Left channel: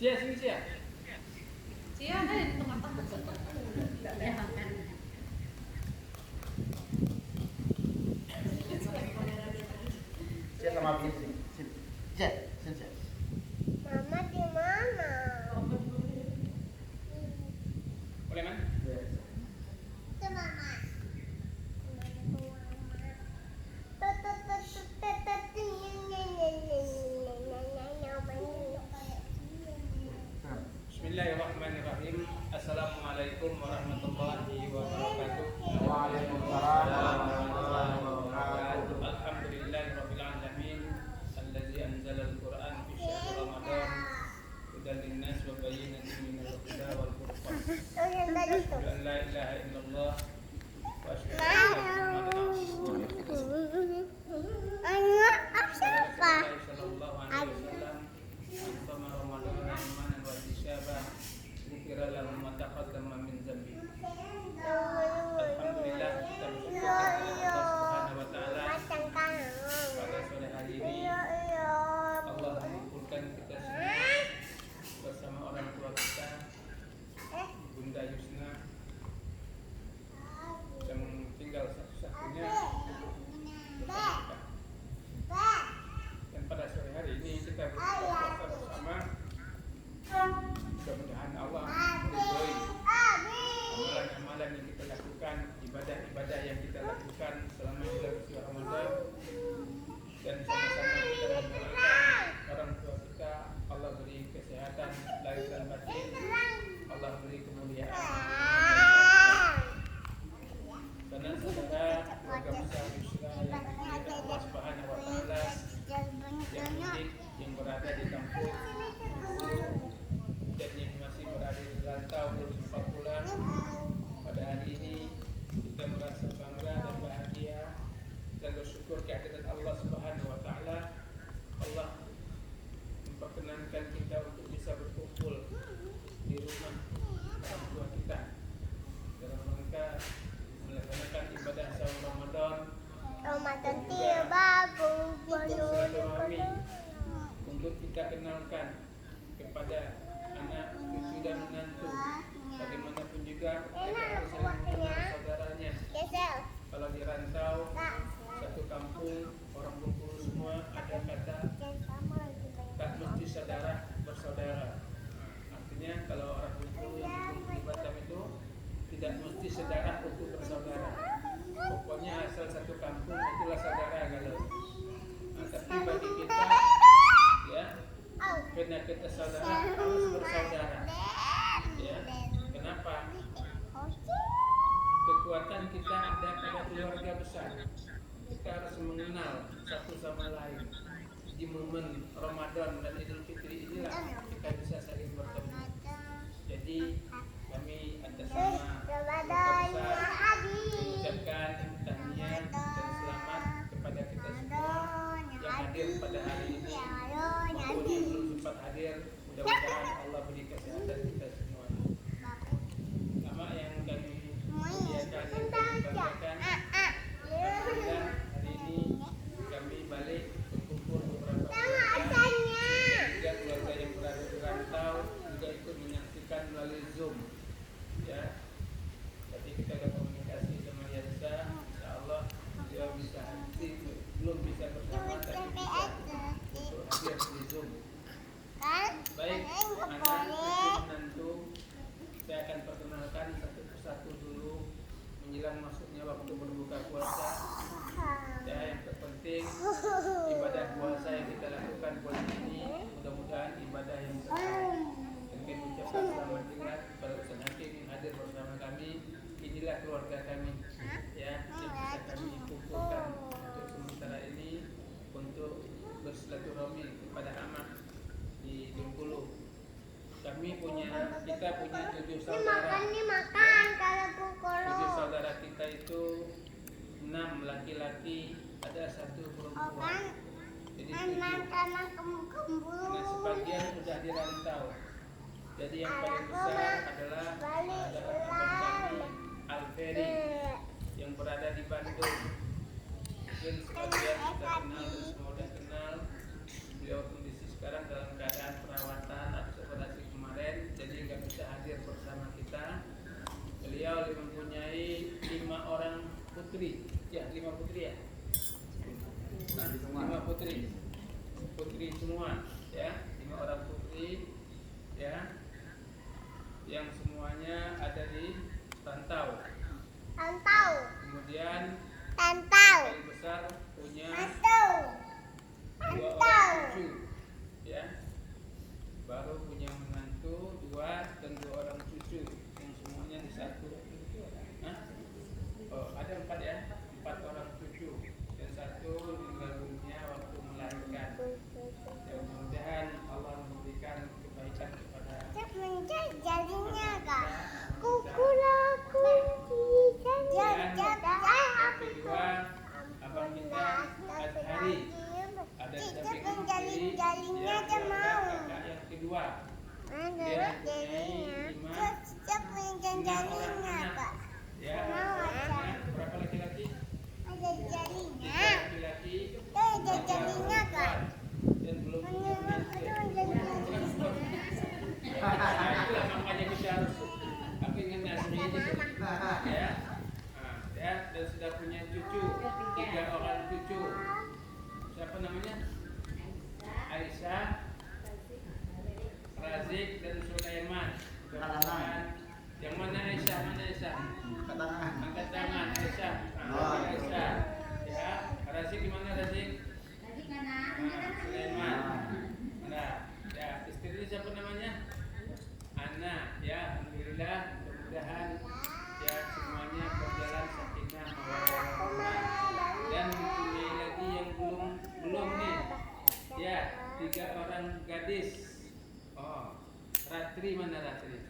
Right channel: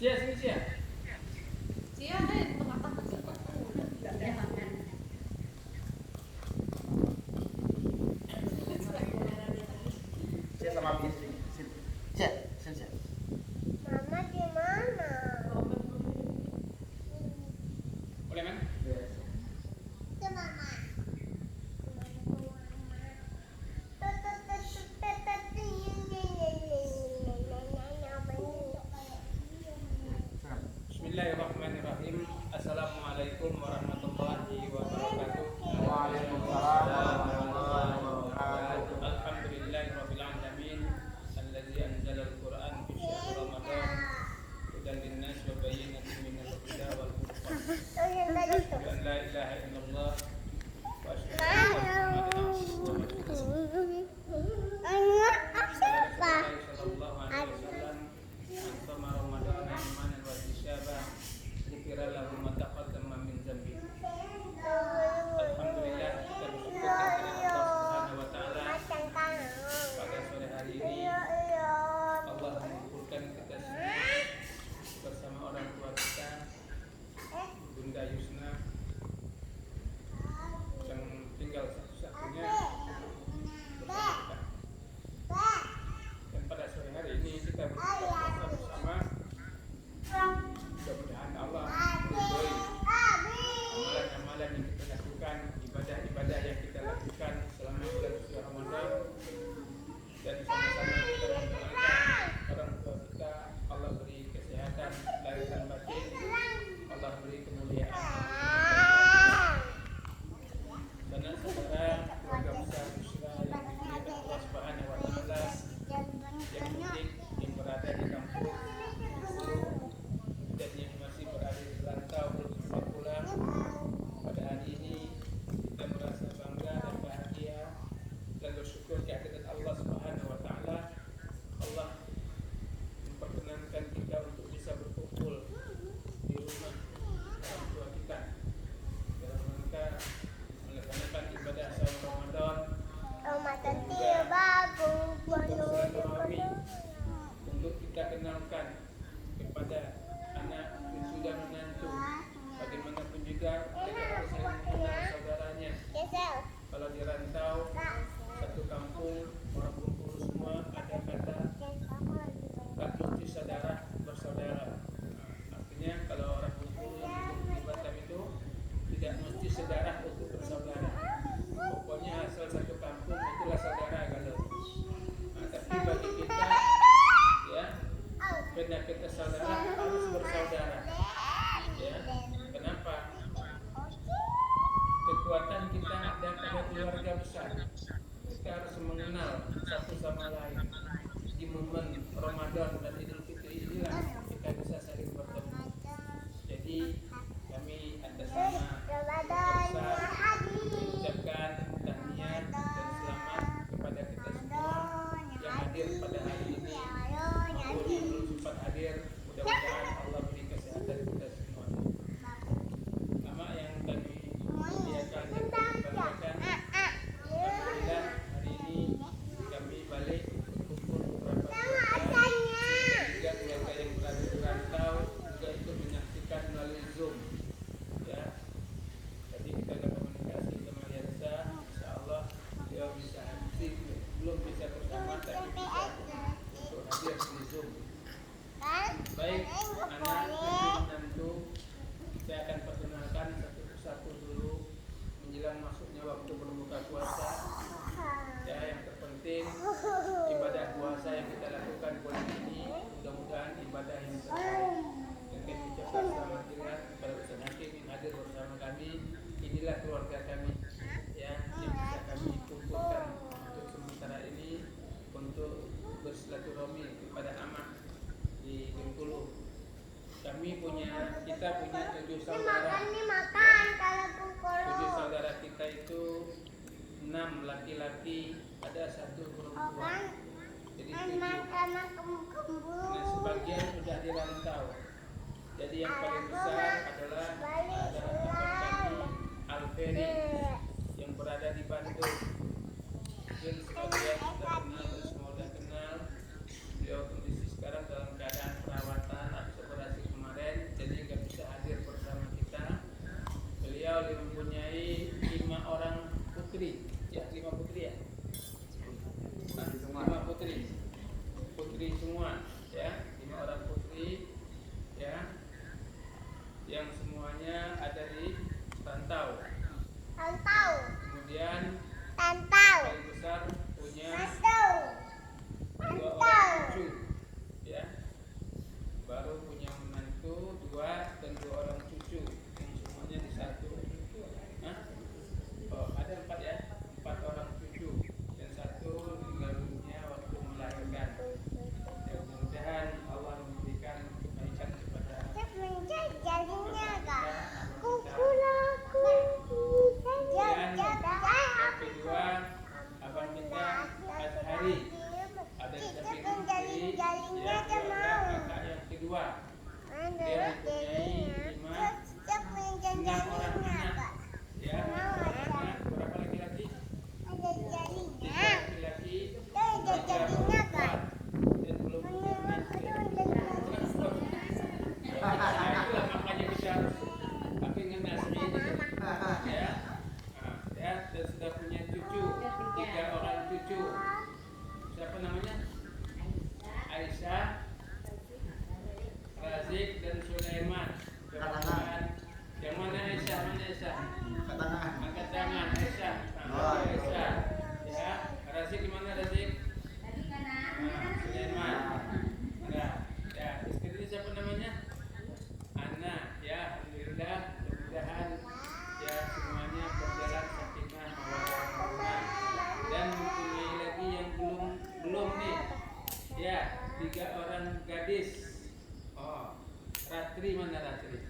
Cia, sini Cia. Cia ada di tengah-tengah. Tidak lehat kan? Cia sama Abi sini. Cia, sini. Mama di mana? Boleh man? Itu mama. Bismillahirrahmanirrahim. Assalamualaikum warahmatullahi wabarakatuh. Waalaikumsalam warahmatullahi wabarakatuh. Alhamdulillahirabbil alamin. Alladzi anzala al-Qur'an fi syahr Ramadan hudan lin-nas wa bayyinatin minal huda wal furqan. Asyhadu an la ilaha illallah wa asyhadu anna Muhammadan rasulullah. Sallallahu alaihi wasallam. Antama Ramadan imanan wa ihtisaban ghufira lahu ma taqaddama min dzambi. Alhamdulillah, kita bersyukur kepada Allah Subhanahu wa taala pada sore hari ini Allah mengumpulkan kita semua bersama orang tua kita, Bunda Yusna yang tinggal satu-satunya bersama kita. Dan pada sore hari ini kita berbuka puasa bersama. Mudah-mudahan Allah meridhoi amalan-amalan yang kita lakukan, ibadah-ibadah yang kita lakukan selama bulan suci Ramadan, dan sama-sama kita mendoakan orang tua kita, Allah beri kesehatan lahir dan batin, Allah beri kemuliaan. Karena saudara keluarga besar Yusra yang dimuliakan Allah Subhanahu wa taala, yang mudik, yang berada di kampung Bengkulu dan yang masih berada di rantau beberapa bulan, pada hari ini kita merasa bangga dan bahagia dan bersyukur kehadirat Allah Subhanahu wa taala. Allah memperkenankan kita untuk bisa berkumpul di rumah orang tua kita dalam rangka melaksanakan ibadah sahur Ramadan dan juga bersilaturahmi untuk kita kenalkan kepada anak, cucu dan menantu. Bagaimanapun juga mereka harus saling mengenal saudaranya. Kalau di rantau satu kampung orang Bengkulu semua ada kata tak mesti saudara bersaudara. Artinya kalau orang Bengkulu yang di Batam itu tidak mesti saudara untuk bersaudara. Pokoknya asal satu kampung itulah saudara kalau. Tapi bagi kita, ya, karena kita saudara harus bersaudara. Ya, kenapa? Kekuatan kita ada pada keluarga besar. Kita harus mengenal satu sama lain. Di momen Ramadan dan Idul Fitri inilah kita bisa saling bertemu. Jadi kami atas nama keluarga besar mengucapkan tahniah dan selamat kepada kita semua yang hadir pada hari ini maupun yang belum sempat hadir. Mudah-mudahan Allah beri kesehatan kita semua. Sama yang kami muliakan dan kami banggakan, alhamdulillah hari ini kami balik berkumpul beberapa keluarga dan juga keluarga yang berada di rantau juga ikut menyaksikan melalui Zoom. Ya, jadi kita ada komunikasi sama Yansa, insya Allah dia bisa hadir, belum bisa bersama tapi bisa untuk hadir di Zoom. Baik, anak, cucu, menantu, kita akan perkenalkan satu persatu dulu menjelang masuknya waktu berbuka puasa. Ya, yang terpenting ibadah puasa yang kita lakukan bulan ini mudah-mudahan ibadah yang terbaik. Dan kami ucapkan selamat tinggal kepada Ustaz Hakim yang hadir bersama kami. Inilah keluarga kami, ya, yang bisa kami kumpulkan untuk sementara ini untuk bersilaturahmi kepada amak di Bengkulu. Kita punya 7 saudara. 7 saudara kita itu 6 laki-laki, ada 1 perempuan. Jadi 7. Nah, sebagian sudah dirantau. Jadi yang paling besar adalah abang kami Alferi yang berada di Bandung. Mungkin sebagian sudah kenal dan semua sudah kenal. Beliau kondisi sekarang dalam keadaan perawatan atau operasi baru punya menantu 2 dan 2 orang cucu yang semuanya di satu. Hah? Oh, ada 4 ya, 4 orang cucu dan 1 meninggal dunia waktu melahirkan. Ya, mudah-mudahan Allah memberikan kebaikan kepada Jadinya kak. dan yang kedua abang kita Azhari ada di samping kiri, yang adalah kakak yang kedua. Dia mempunyai 6 orang anak, ya, 6 orang anak. Berapa laki-laki? 3 laki-laki, 3 perempuan. Dan belum punya menantu. Nah, itulah makanya kita harus ingin nasmi ini, ya. Nah, ya, dan sudah punya cucu, 3 orang cucu. Siapa namanya? Aisyah, Razik dan Sulaiman. Mudah-mudahan. Yang mana Aisyah? Mana Aisyah? Angkat tangan Aisyah. Aisyah. Ya, Razik di mana Razik? Sulaiman. Nah, ya, istri siapa namanya? Ana. Ya, alhamdulillah. Mudah-mudahan ya semuanya berjalan sakinah mawaddah warahmah. Dan mempunyai lagi yang belum nih. Ya, 3 orang gadis. Oh, Ratri mana Ratri?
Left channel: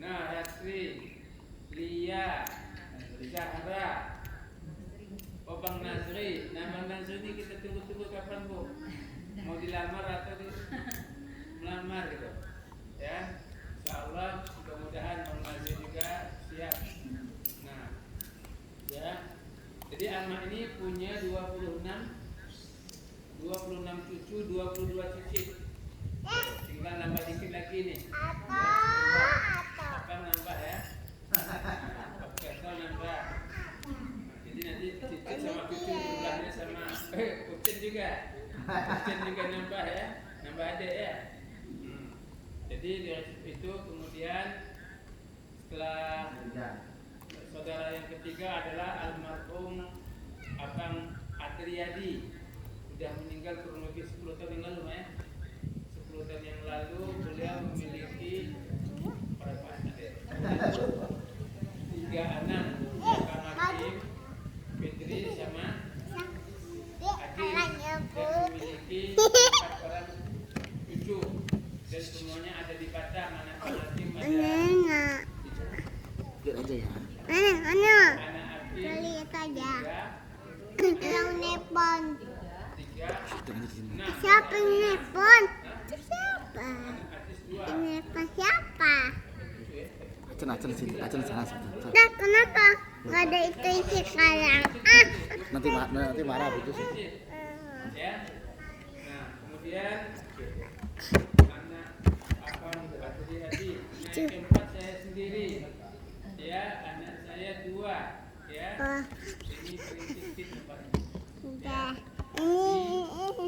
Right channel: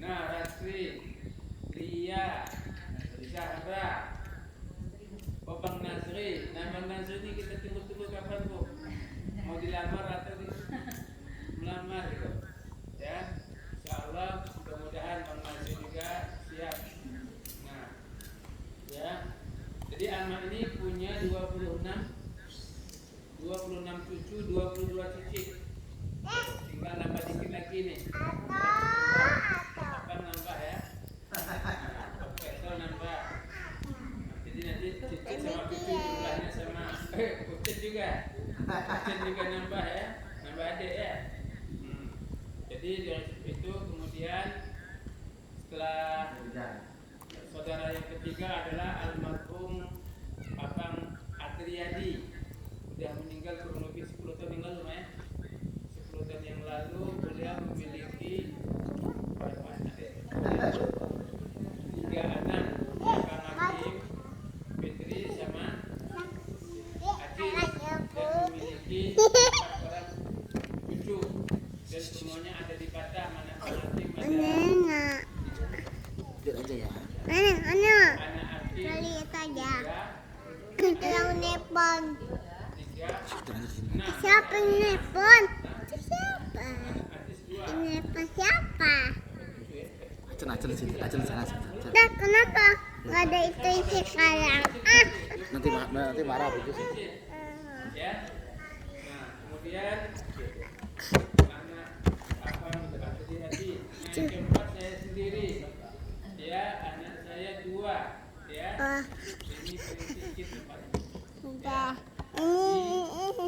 Nah, Ratri, Lia, Zahra, Bang Nazri. Nah, Bang Nazri ini kita tunggu-tunggu kapan, Bu? Mau dilamar atau melamar gitu? Ya, insyaallah mudah-mudahan Bang Nazri juga siap. Nah, ya. Jadi Alma ini punya 26 cucu, 22 cicit. Tinggal nambah dikit lagi nih. Akan nambah ya. Oke, so nambah. Nah, jadi nanti cicit sama cucu jumlahnya sama kucing juga. Kucing juga nambah ya. Nambah adik ya. Jadi dari itu kemudian setelah saudara yang ketiga adalah almarhum Abang Adriyadi. Sudah meninggal kurang lebih 10 tahun yang lalu ya. 10 tahun yang lalu beliau memiliki berapa anak ya? 3 anak, Abang Hakim, Fitri sama Hakim, dan memiliki 4 orang cucu dan semuanya ada di Batam. Anak Hakim ada Anak. anak Hakim Lihat aja. 3, Yang nepon. 6. Siapa yang nepon? Siapa? Artis 2. Yang nepon siapa? Acen sana. Dah, kenapa? Gak ada itu sekarang. Nanti marah begitu. Ya. Nah, kemudian anak abang Badri Hadi. Yang keempat saya sendiri. Ya, anak saya 2. Ya. Oh, Ini sedikit tempatnya. udah.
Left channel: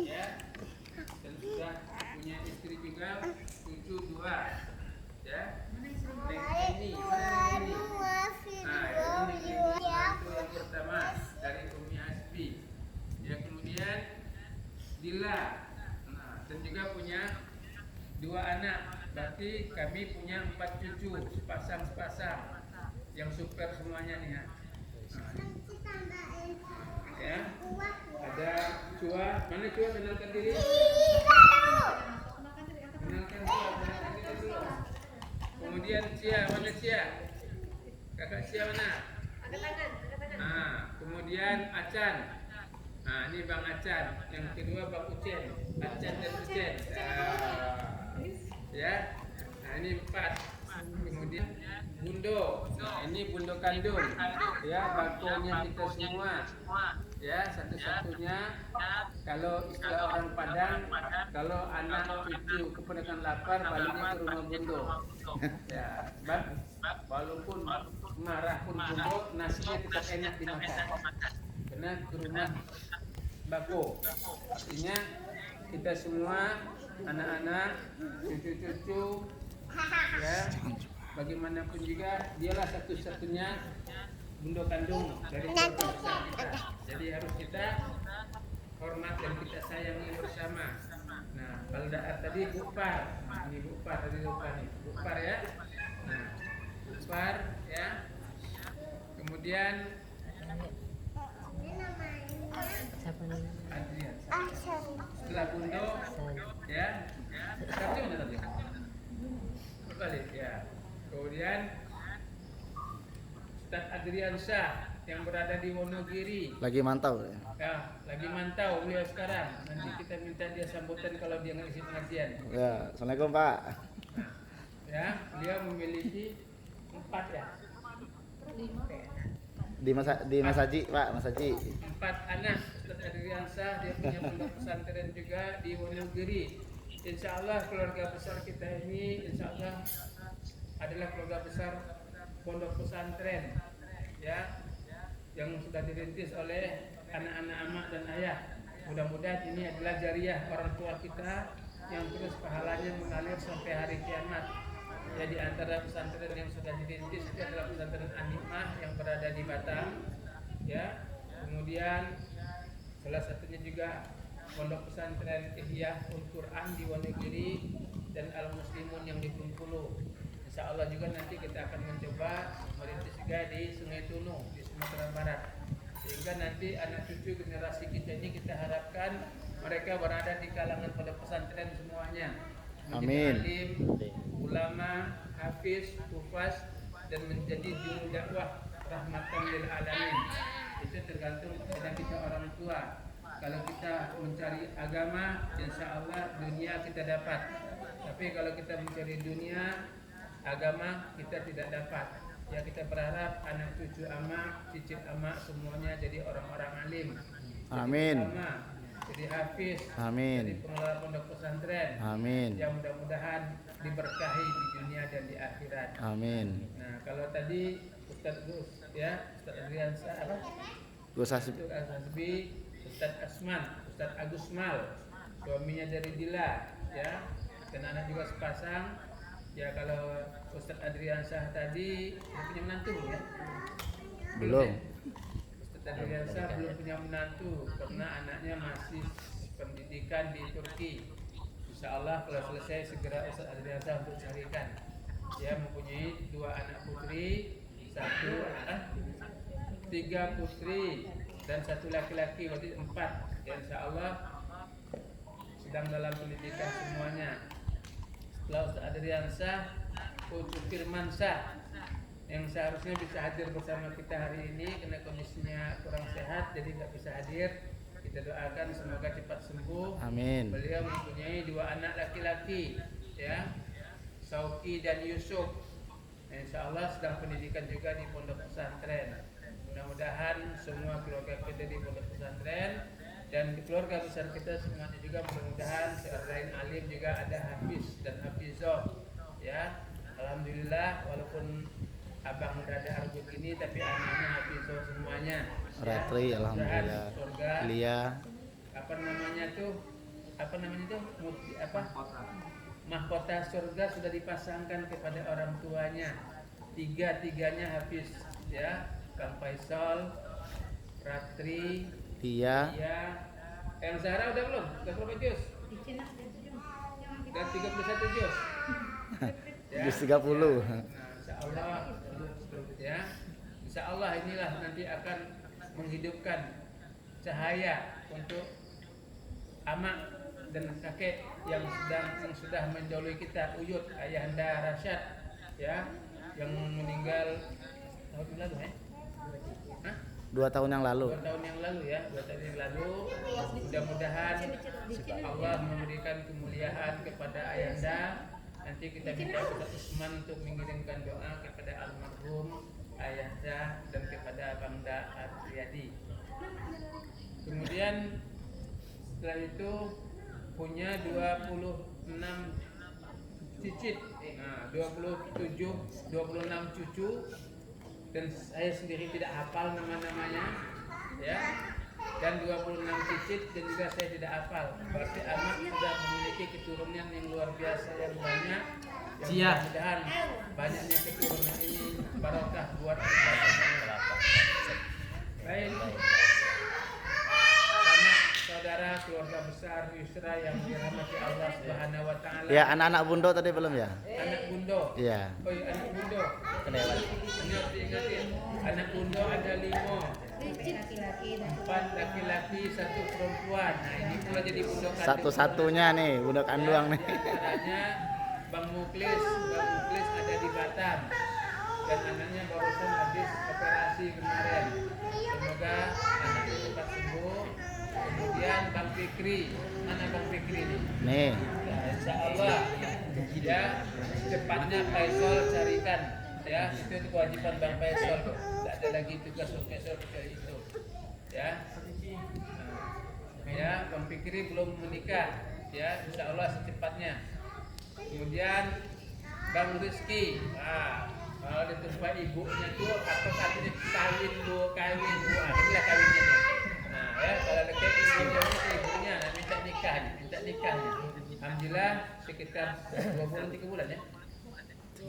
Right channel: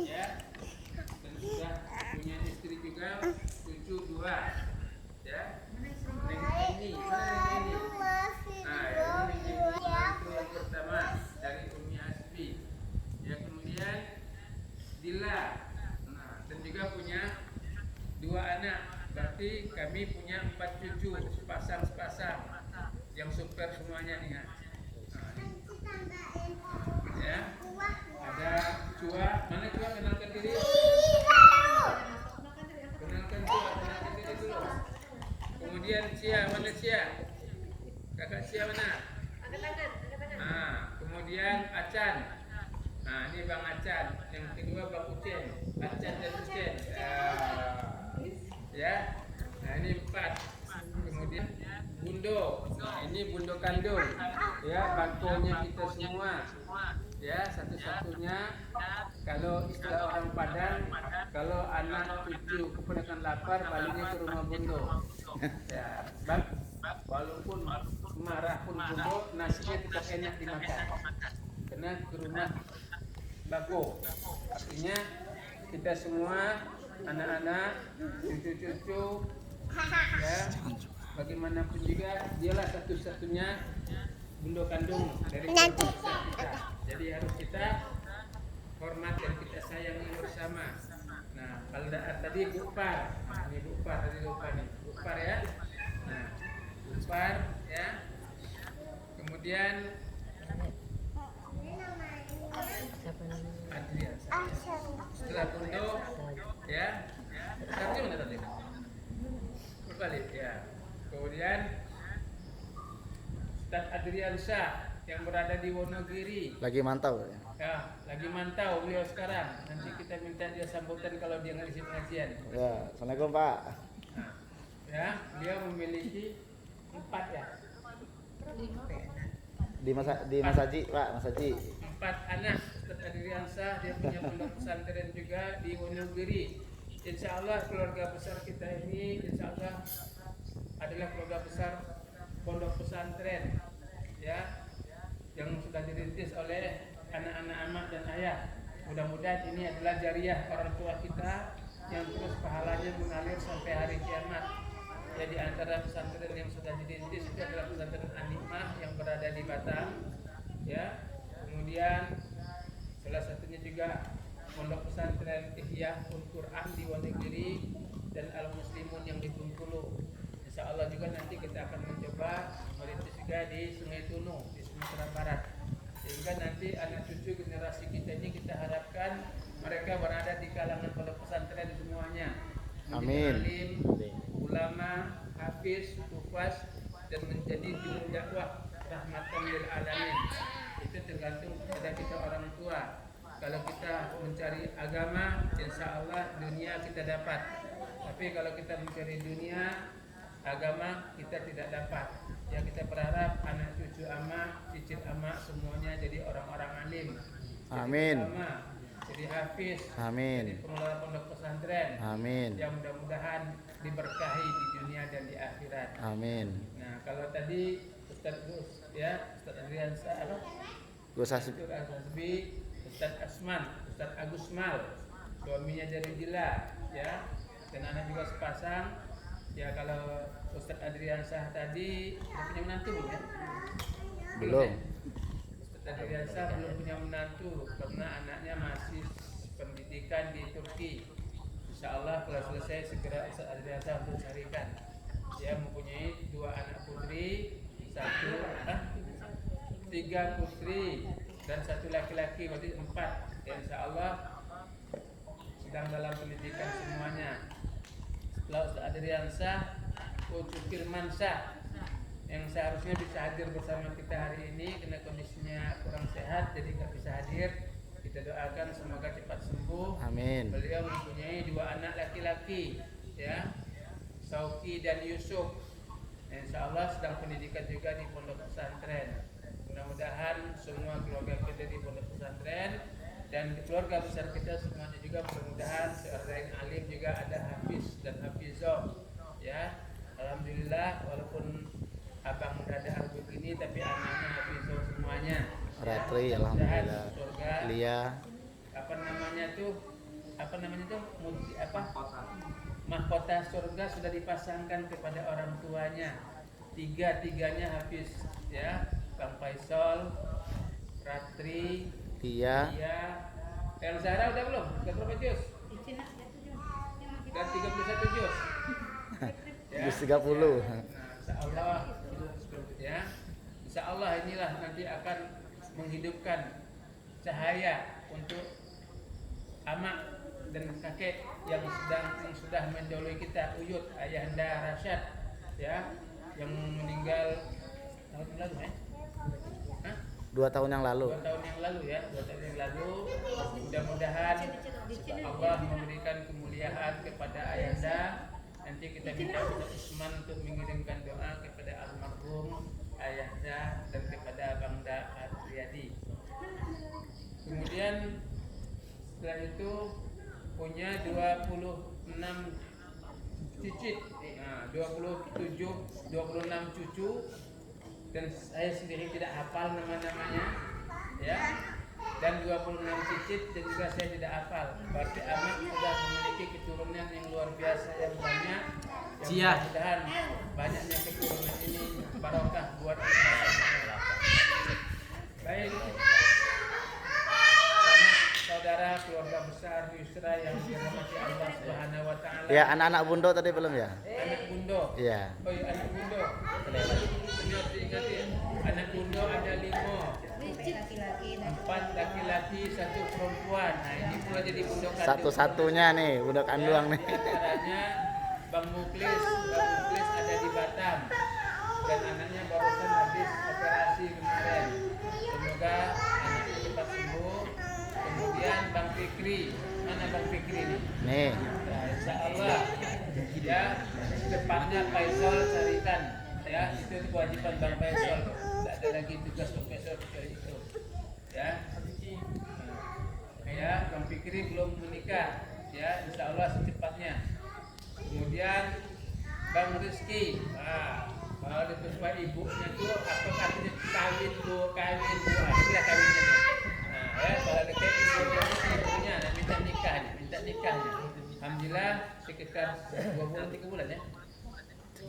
Ya. Dan sudah punya istri juga, cucu 2. Ya. Ini, mana ini? Nah, ini menantu yang pertama dari Umi Hasbi. Yang kemudian Dila. Nah, dan juga punya 2 anak. Berarti kami punya 4 cucu, sepasang yang super semuanya ya. Nah, ya. Ada Cua. Mana Cua? Kenalkan diri. Kenalkan diri dulu. Kemudian Cia, mana Cia? Kakak Cia mana? Nah, kemudian Acan. Nah, ini Bang Acan. Yang kedua Bang Ucen. Acan dan Ucen. Ya. Nah, ini 4. Kemudian Bundo. Nah, ini Bundo kandung. Ya, bakonya kita semua. Ya, satu-satunya kalau istilah orang Padang, kalau anak cucu keponakan lapar baliknya ke rumah Bundo. Ya, bang, walaupun marah pun Bundo, nasinya tetap enak dimakan. Karena ke rumah Bako. Artinya kita semua anak-anak, cucu-cucu, ya, bagaimanapun juga dialah satu-satunya Bundo kandung dari keluarga besar kita. Jadi harus kita hormat dan kita sayangi bersama. Nah, Kalau tadi bukpar, nah ini bukpar tadi lupa nih, bukpar ya. Nah, bukpar ya. Kemudian Adrian. Setelah punduk ya. Tadi mana tadi? Balik ya. Kemudian Ustaz Adrian Syah yang berada di Wonogiri. Lagi mantau ya. Ya, lagi mantau beliau sekarang. Nanti kita minta dia sambutan kalau dia ngisi pengajian. Ya, Assalamualaikum Pak. Nah, ya, beliau memiliki 4 ya. Di Mas Haji, Pak, Mas Haji. 4 anak Ustaz Adrian Syah, dia punya pondok pesantren juga di Wonogiri. Insya Allah keluarga besar kita ini insya Allah adalah keluarga besar pondok pesantren ya yang sudah dirintis oleh anak-anak emak dan ayah. Mudah-mudahan ini adalah jariah orang tua kita yang terus pahalanya mengalir sampai hari kiamat. Ya, di antara pesantren yang sudah dirintis itu adalah pesantren An-Nikmah yang berada di Batam ya. Kemudian salah satunya juga pondok pesantren Ihya Ul Quran di Wonogiri dan Al Muslimun yang di Bengkulu. Insya Allah juga nanti kita akan mencoba merintis juga di Sungai Tunu di Sumatera Barat. Sehingga nanti anak cucu generasi kita ini kita harapkan mereka berada di kalangan pondok pesantren semuanya. Amin. Alim, ulama, hafiz, hufaz dan menjadi juru dakwah rahmatan lil alamin. Itu tergantung kepada kita orang tua. Kalau kita mencari agama, insya Allah dunia kita dapat. Tapi kalau kita mencari dunia, agama kita tidak dapat. Ya, kita berharap anak cucu ama, cicit ama semuanya jadi orang-orang alim. Amin. Jadi ulama, jadi hafiz, Amin. jadi pengelola pondok pesantren. Amin. Yang mudah-mudahan diberkahi di dunia dan di akhirat. Amin. Nah, kalau tadi Ustaz Gus ya, Ustaz Adrian apa? Gus Hasbi. Ustaz Hasbi, Ustaz Asman, Ustaz Agus Mal, suaminya dari Dila, ya, dan anak juga sepasang. Ya, kalau Ustaz Adrian Syah tadi udah punya menantu ya? Belum. Ya? Ustaz Adrian Syah belum punya menantu karena anaknya masih pendidikan di Turki. Insya Allah kalau selesai segera Ustaz Adrian Syah untuk carikan. Dia mempunyai 2 anak putri, 3 putri dan 1 laki-laki, berarti 4. Ya, insya Allah sedang dalam pendidikan semuanya. Setelah Ustaz Adrian Syah, Putu Firman Syah yang seharusnya bisa hadir bersama kita hari ini karena kondisinya kurang sehat jadi nggak bisa hadir. Kita doakan semoga cepat sembuh. Amin. Beliau mempunyai 2 anak laki-laki, ya, Sauki dan Yusuf. Insya Allah sedang pendidikan juga di pondok pesantren. Mudah-mudahan semua keluarga kita di pondok pesantren dan keluarga besar kita semuanya juga mudah-mudahan selain alim juga ada hafiz dan hafizah. Ya, alhamdulillah walaupun abang dada begini tapi anaknya hafizah semuanya. Ratri, ya, alhamdulillah. Surga. Lia. Apa namanya tuh? Mahkota surga sudah dipasangkan kepada orang tuanya. Tiga-tiganya hafiz, ya. Kang Faisal, Ratri, Lia. El Zahra udah belum? Udah berapa juz? Udah 31 juz. Juz 30. Nah, insya Allah, ya. Insya Allah inilah nanti akan menghidupkan cahaya untuk amak dan kakek yang sudah mendahului kita, Uyut Ayahanda Rasyad, ya, yang meninggal tahun yang lalu, 2 tahun yang lalu. 2 tahun yang lalu ya, 2 tahun yang lalu. Mudah-mudahan Allah memberikan kemuliaan kepada Ayahanda. Nanti kita minta Ustaz Usman untuk mengirimkan doa kepada almarhum Ayahanda dan kepada Bangda Adriyadi. Kemudian setelah itu punya 26 cicit, 26 cucu, dan saya sendiri tidak hafal nama-namanya, ya. Dan 26 cicit dan juga saya tidak hafal. Berarti amat sudah memiliki keturunan yang luar biasa yang banyak. Yang mudah-mudahan banyaknya keturunan ini barokah buat kita. Baik. saudara keluarga besar Yusra yang dirahmati Allah Subhanahu wa taala. Ya, anak-anak Bundo tadi belum ya? Anak bundo. Iya. Oh iya, anak bundo. Ini harus diingatin. Anak bundo ada 5. Laki-laki dan 4 laki-laki, 1 perempuan. Nah, ini pula jadi bundo kandung. Satu-satunya nih, budak kanduang nih. Caranya Bang Muklis ada di Batam dan anaknya barusan habis operasi kemarin. Semoga anaknya cepat sembuh. Kemudian Bang Fikri, mana Bang Fikri nih? Nih. Nah, insya Allah ya secepatnya Faisal carikan ya, itu kewajiban Bang Faisal, tidak ada lagi tugas Faisal itu ya. Ya, Bang Fikri belum menikah ya, insya Allah secepatnya. Kemudian Bang Rizky, kalau itu supaya ibunya tuh apa tadi kawin bu, inilah kawinnya nih. Nah ya, kalau dekat ibunya itu ibunya, nah, minta nikahnya. Alhamdulillah sekitar 2 bulan 3 bulan ya.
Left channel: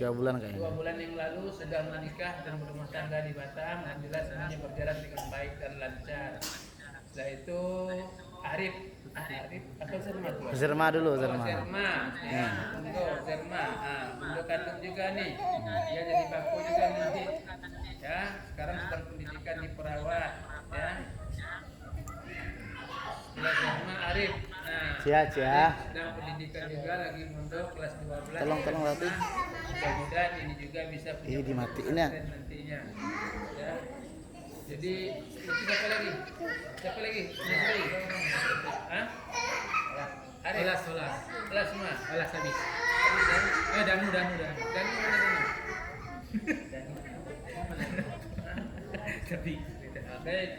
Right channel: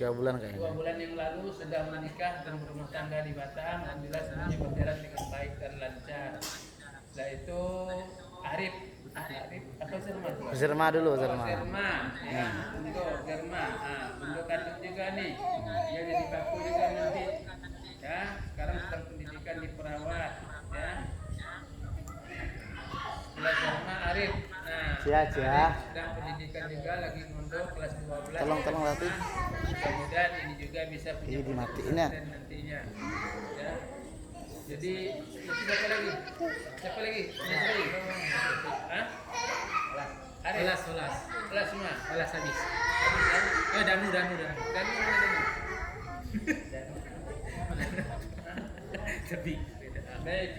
3 bulan kayaknya. 2 bulan yang lalu sudah menikah dan berumah tangga di Batam. Alhamdulillah semuanya berjalan dengan baik dan lancar. Setelah itu Arif atau Zerma dulu? Zerma. Ya, untuk Zerma. Untuk kandung juga nih. Dia jadi kaku juga nanti. Ya, sekarang sedang pendidikan di perawat. Ya. Setelah Zerma Arif. Cia. Dan pendidikan juga lagi mondok kelas 12. Tolong Rati. Mudah-mudahan ini juga bisa punya Ini dimatiin ya. nantinya. Ya. Jadi siapa lagi? Siapa lagi? Hah? Arif. Kelas semua. Kelas habis. Habis ya? Danu. Danu mana Danu? Baik.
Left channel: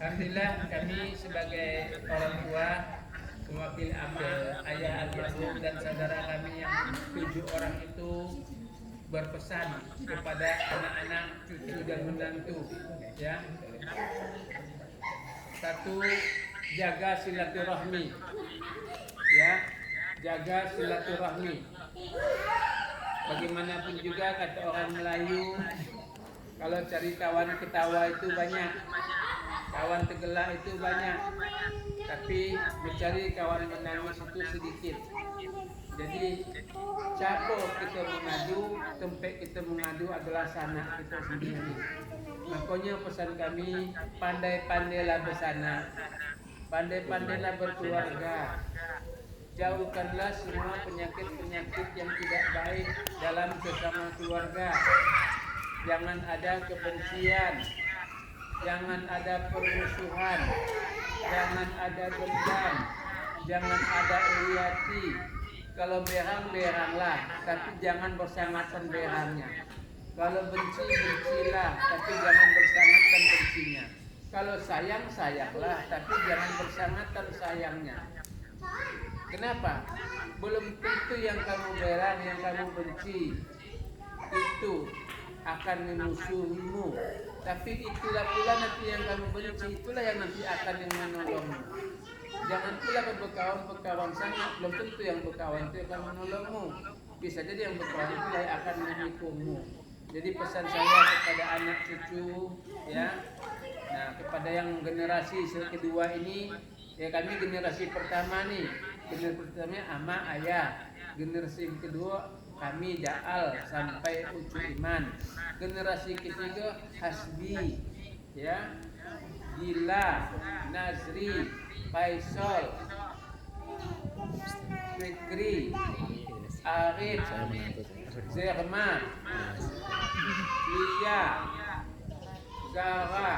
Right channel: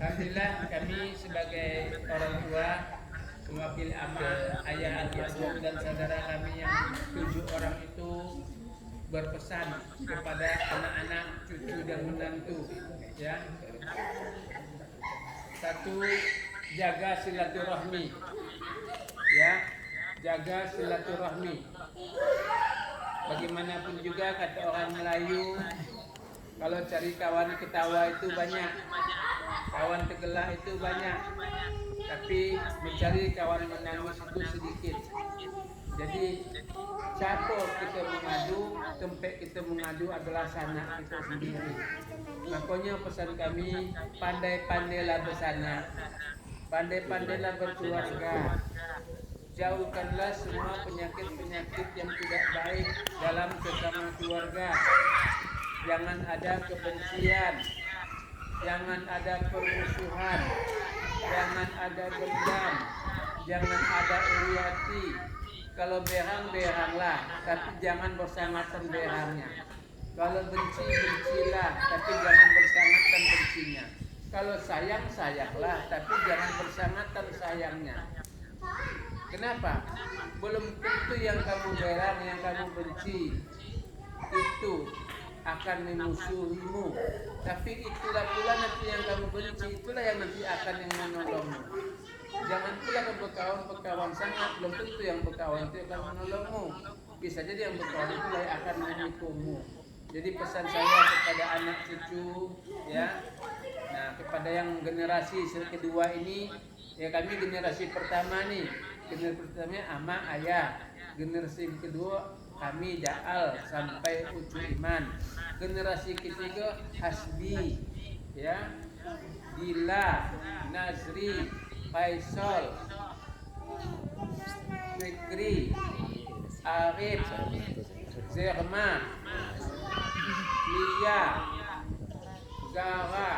Alhamdulillah kami sebagai orang tua mewakili amal ayah almarhum dan saudara kami yang 7 orang itu berpesan kepada anak-anak, cucu dan menantu ya. 1, jaga silaturahmi ya, jaga silaturahmi. Bagaimanapun juga kata orang Melayu, kalau cari kawan ketawa itu banyak, kawan tergelak itu banyak, tapi mencari kawan menangis itu sedikit. Jadi siapa kita mengadu, tempat kita mengadu adalah sanak kita sendiri. Makanya pesan kami, pandai-pandailah bersanak, pandai-pandailah berkeluarga. Jauhkanlah semua penyakit-penyakit yang tidak baik dalam sesama keluarga. Jangan ada kebencian, jangan ada permusuhan, jangan ada dendam, jangan ada iri hati. Kalau berang-beranglah, tapi jangan bersangatan berangnya. Kalau benci, bencilah, tapi jangan bersangatan bencinya. Kalau sayang, sayanglah, tapi jangan bersangatan sayangnya. Kenapa? Belum tentu yang kamu berang, yang kamu benci itu akan memusuhimu. Tapi itulah pula nanti yang kamu benci, itulah yang nanti akan yang menolongmu. Jangan pula berkawan sangat, belum tentu yang berkawan itu akan menolongmu. Bisa jadi yang berkawan itu yang akan menipumu. Jadi pesan saya kepada anak cucu ya, nah kepada yang generasi kedua ini, ya kami generasi pertama nih, generasi pertamanya ama ayah, generasi kedua kami Daal sampai ucu iman, generasi ketiga Hasbi ya, Dila, Nazri, Faisal, Fikri, Arif, Zerma, Lia, Zara,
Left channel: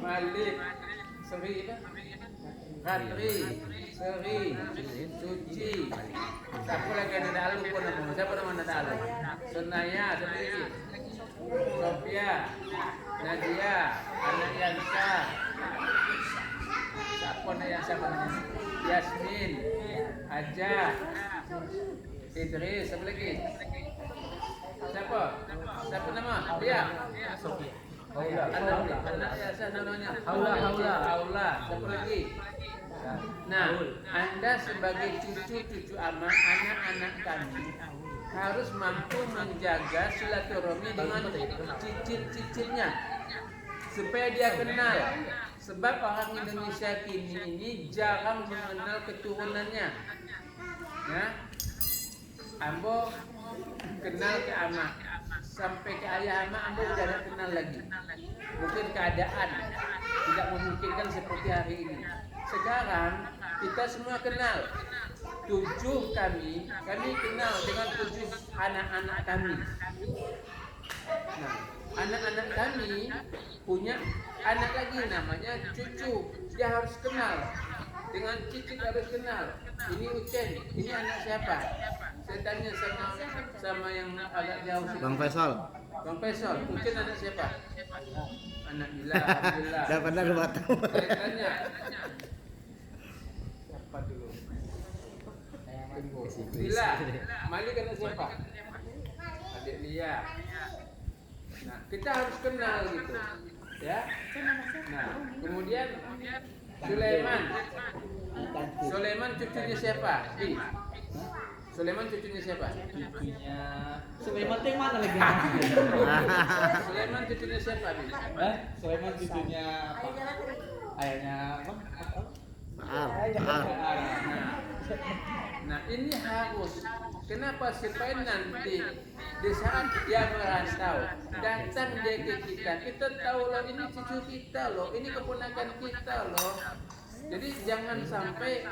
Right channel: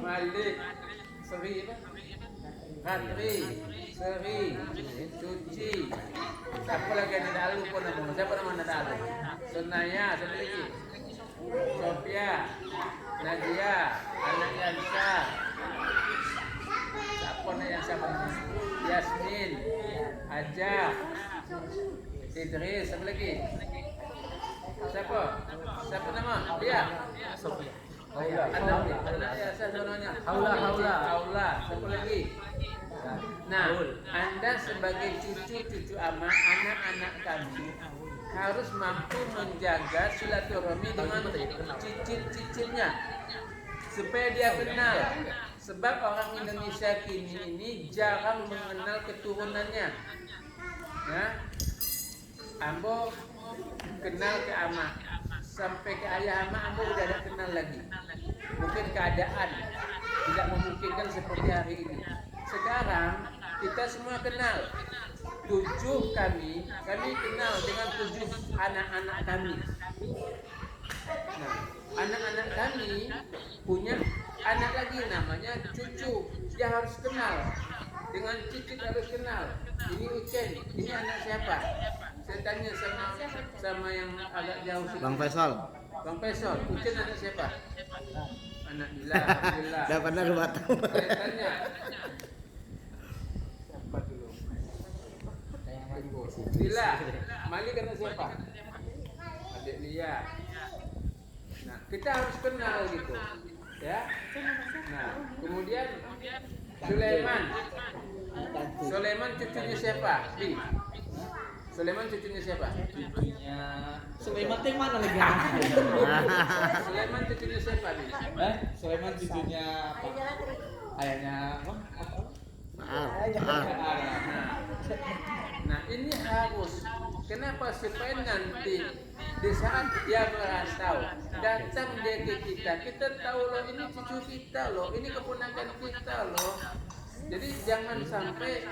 Malik, Seri, Ratri, Seri, Suci. Siapa lagi yang ada alu pun nama? Siapa nama ada alu? Sunaya, siapa lagi? Sofia, Nadia, anak Yansa. Siapa anak Yansa namanya? Yasmin, Aja, Idris, siapa lagi? Siapa nama? Dia. Sofia. Anak Yansa namanya Aula. Siapa lagi? Nah, Anda sebagai cucu ama, anak-anak kami harus mampu menjaga silaturahmi dengan cicit-cicitnya supaya dia kenal, Sebab orang Indonesia kini ini jarang mengenal keturunannya. Ya, ambo kenal ke ama, sampai ke ayah ama ambo udah tidak kenal lagi. Mungkin keadaan tidak memungkinkan seperti hari ini. Sekarang kita semua kenal. 7 kami kenal dengan 7 anak-anak kami. Nah, anak-anak kami punya anak lagi namanya cucu. Dia harus kenal. Dengan Cicit harus kenal. Ini Ucen, ini anak siapa? Saya tanya sama yang agak jauh sini. Bang Faisal. Bang Faisal, Ucen anak siapa? Anak Dila, Alhamdulillah. Udah pernah ke Batam. Saya tanya. Siapa dulu? Tunggu. Dila, Malik anak siapa? Adik Lia. Nah, kita harus kenal gitu. Ya. Nah, kemudian Sulaiman cucunya siapa? Sulaiman cucunya siapa? Sulaiman teh mana lagi? Sulaiman cucunya siapa? Sulaiman cucunya ayahnya Maaf. Nah, ini harus. Kenapa? Supaya nanti di saat dia merantau, datang dia ke kita tahu loh ini cucu kita loh, ini keponakan kita loh. Jadi jangan sampai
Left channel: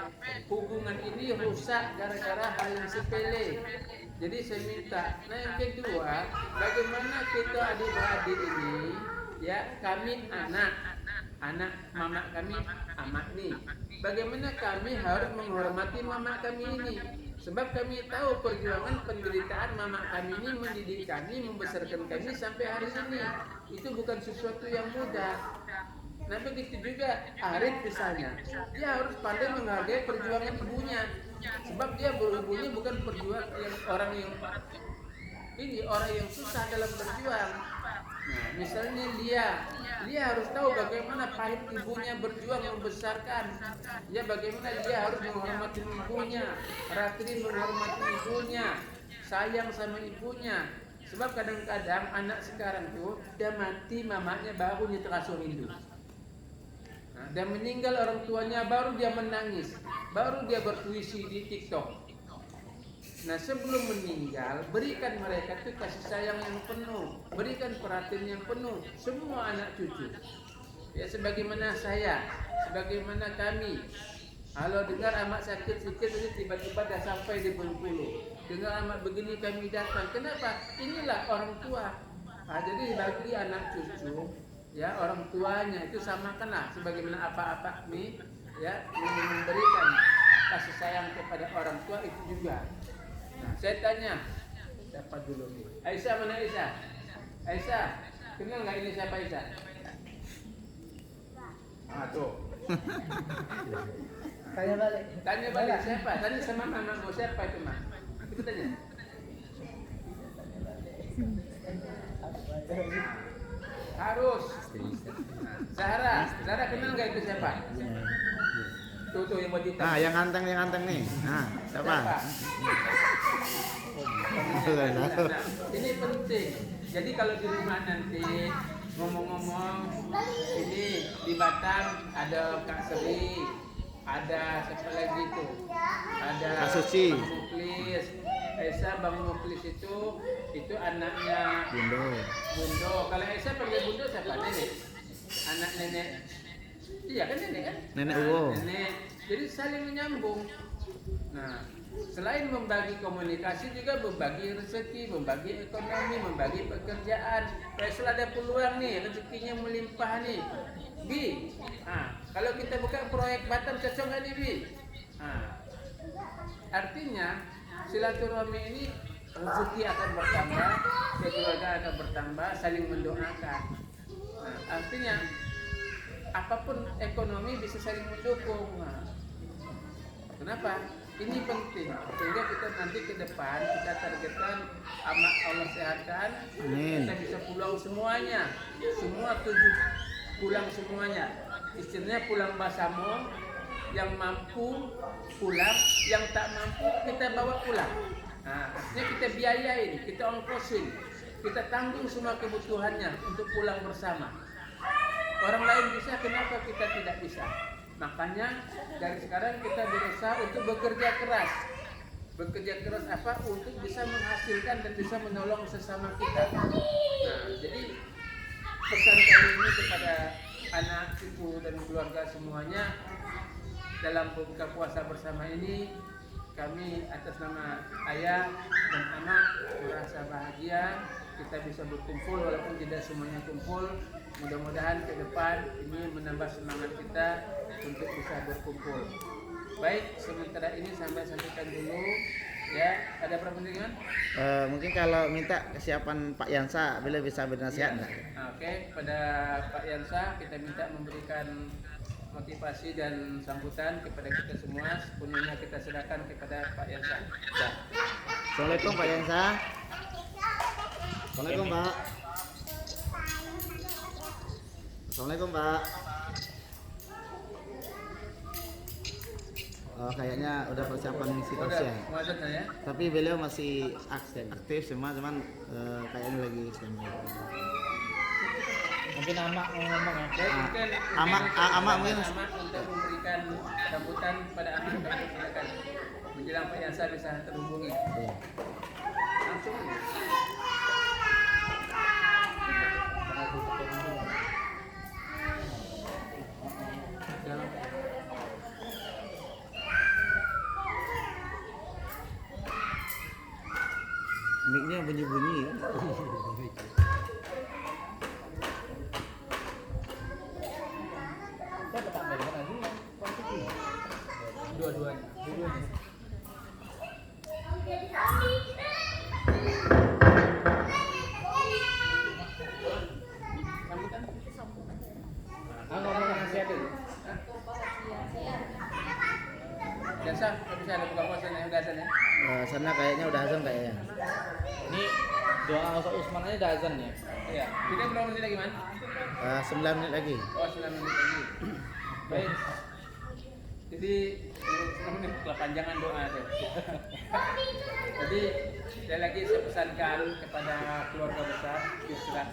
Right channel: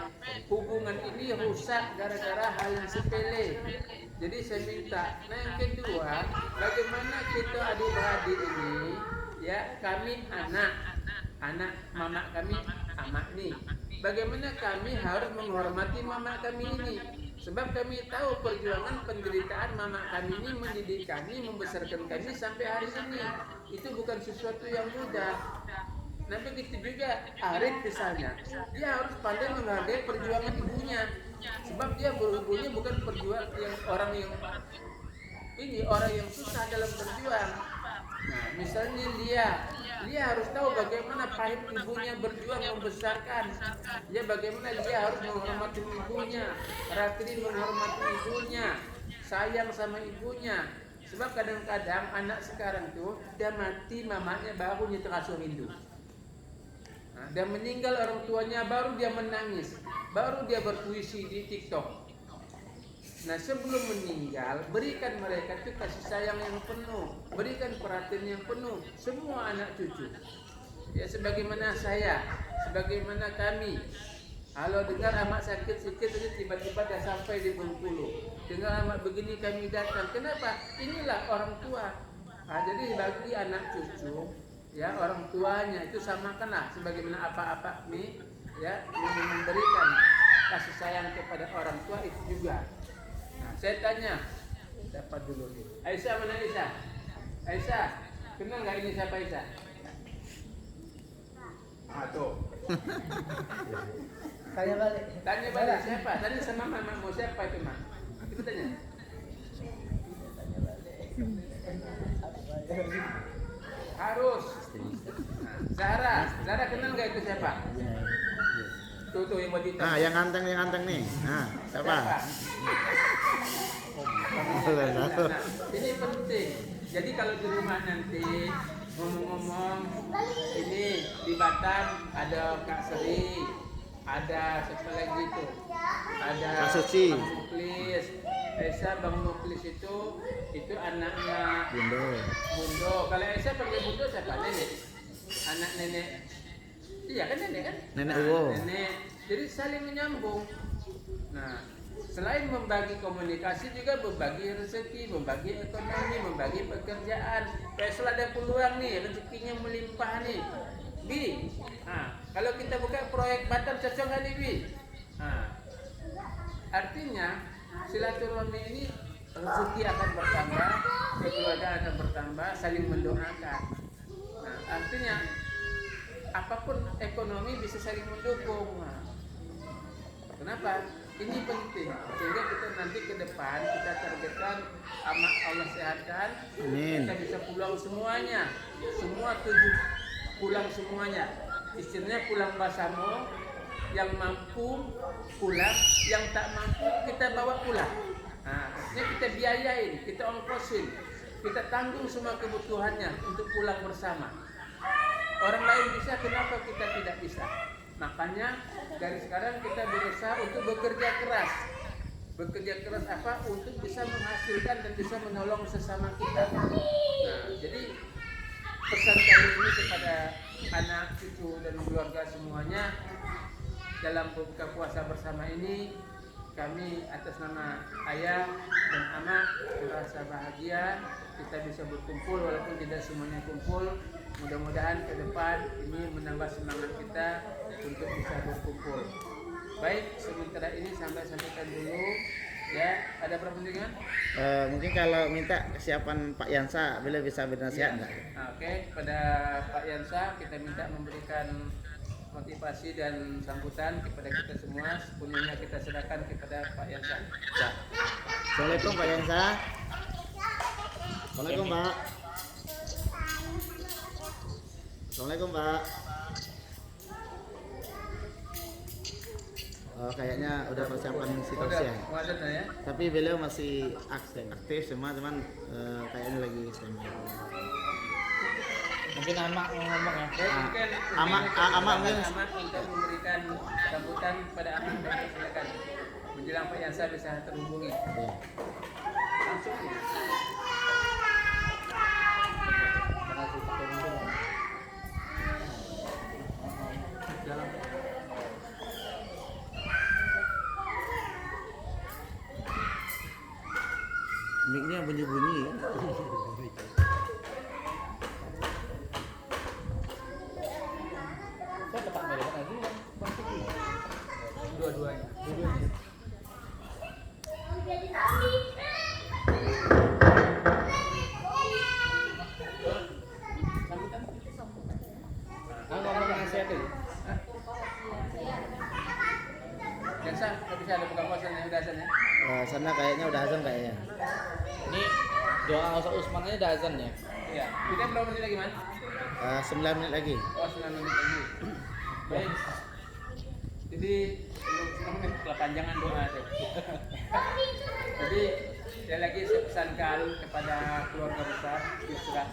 hubungan ini rusak gara-gara hal yang sepele. Jadi saya minta, nah yang kedua, bagaimana kita adik-beradik ini, ya kami anak mama kami amak nih. Bagaimana kami harus menghormati mama kami ini? Sebab kami tahu perjuangan penderitaan mama kami ini mendidik kami, membesarkan kami sampai hari ini. Itu bukan sesuatu yang mudah. Nah begitu juga Arif misalnya, dia harus pandai menghargai perjuangan ibunya. Sebab dia ibunya bukan perjuang yang orang yang susah dalam berjuang. Nah, misalnya Lia harus tahu bagaimana pahit ibunya berjuang membesarkan. Ya bagaimana dia harus menghormati ibunya, Ratri menghormati ibunya, sayang sama ibunya. Sebab kadang-kadang anak sekarang tuh dia mati mamanya baru dia terasa rindu. Nah, dia meninggal orang tuanya baru dia menangis, baru dia berpuisi di TikTok. Nah sebelum meninggal, berikan mereka itu kasih sayang yang penuh, berikan perhatian yang penuh, semua anak cucu. Ya sebagaimana saya, sebagaimana kami. Kalau dengar amak sakit sedikit saja tiba-tiba dah sampai di Bengkulu. Dengar amak begini kami datang. Kenapa? Inilah orang tua. Nah, jadi bagi anak cucu, ya orang tuanya itu samakanlah sebagaimana apa-apa nih, ya memberikan kasih sayang kepada orang tua itu juga. Nah, saya tanya, siapa dulu nih? Aisyah mana Aisyah? Aisyah, kenal nggak ini siapa Aisyah? Ah tuh. Tanya balik siapa? Tanya sama mamamu siapa itu mak? Kita tanya. Harus. Nah, Zahra kenal nggak itu siapa? Tuh yang buat hitam. Nah, yang ganteng nih. Nah, siapa? Nah, ini penting. Jadi kalau di rumah nanti ngomong-ngomong, ini di Batam ada Kak Seri, ada siapa lagi tuh? Ada Kak Suci. Bang Muklis. Esa Bang Muklis itu anaknya Bundo. Kalau Esa panggil Bundo siapa? Nenek. Anak nenek. Iya kan nenek kan? Nenek Nah, Uwo. Nenek. Jadi saling menyambung. Nah, selain membagi komunikasi juga membagi rezeki, membagi ekonomi, membagi pekerjaan. Kalau ada peluang nih, rezekinya melimpah nih. Bi, kalau kita buka proyek Batam cocok nggak nih Bi? Artinya silaturahmi ini rezeki akan bertambah, kekeluargaan akan bertambah, saling mendoakan. Nah, artinya apapun ekonomi bisa saling mendukung. Nah, kenapa? Ini penting sehingga kita nanti ke depan kita targetkan amak Allah sehatkan, Amin. kita bisa pulang semuanya, semua 7 pulang semuanya. Istilahnya pulang basamo, yang mampu pulang, yang tak mampu kita bawa pulang. Nah, artinya kita biayain, kita ongkosin, kita tanggung semua kebutuhannya untuk pulang bersama. Orang lain bisa, kenapa kita tidak bisa? Makanya dari sekarang kita berusaha untuk bekerja keras. Bekerja keras apa? Untuk bisa menghasilkan dan bisa menolong sesama kita. Nah, jadi pesan kali ini kepada anak, cucu, dan keluarga semuanya, dalam buka puasa bersama ini, kami atas nama ayah dan amak merasa bahagia kita bisa berkumpul walaupun tidak semuanya kumpul. Mudah-mudahan ke depan ini menambah semangat kita untuk bisa berkumpul. Baik, sementara ini sampai sampaikan dulu. Ya, ada pertanyaan? Mungkin kalau minta kesiapan Pak Yansa, bila bisa bernasihat enggak? Oke, pada Pak Yansa kita minta memberikan motivasi dan sambutan kepada kita semua. Sepenuhnya kita serahkan kepada Pak Yansa. Ya. Assalamualaikum Pak Yansa. Assalamualaikum Pak. Assalamualaikum Pak. Oh, kayaknya udah persiapan ngisi Udah, kursi ya. muadzin ya. Tapi beliau masih aktif semua, cuman kayaknya lagi standby. Mungkin amak mau ngomong ya. Baik, mungkin Amak mungkin. Amak untuk memberikan sambutan pada anak dan silakan. Menjelang Pak Yansa bisa terhubungi. Iya. Langsung aja. Jalan. Mic-nya bunyi-bunyi ya. Dua-duanya. Sambutan. Ngomong nasihatin. Yansa, bisa ada buka puasa nih, udah azan ya? Sana kayaknya udah azan kayaknya. Ini doa Ustaz Usman aja udah azan ya. Iya. Kita berapa menit lagi, Man? 9 menit lagi. Oh, 9 menit lagi. Baik. Jadi, 9 menit kepanjangan doa tuh. Jadi, saya lagi pesankan kepada keluarga besar Isra.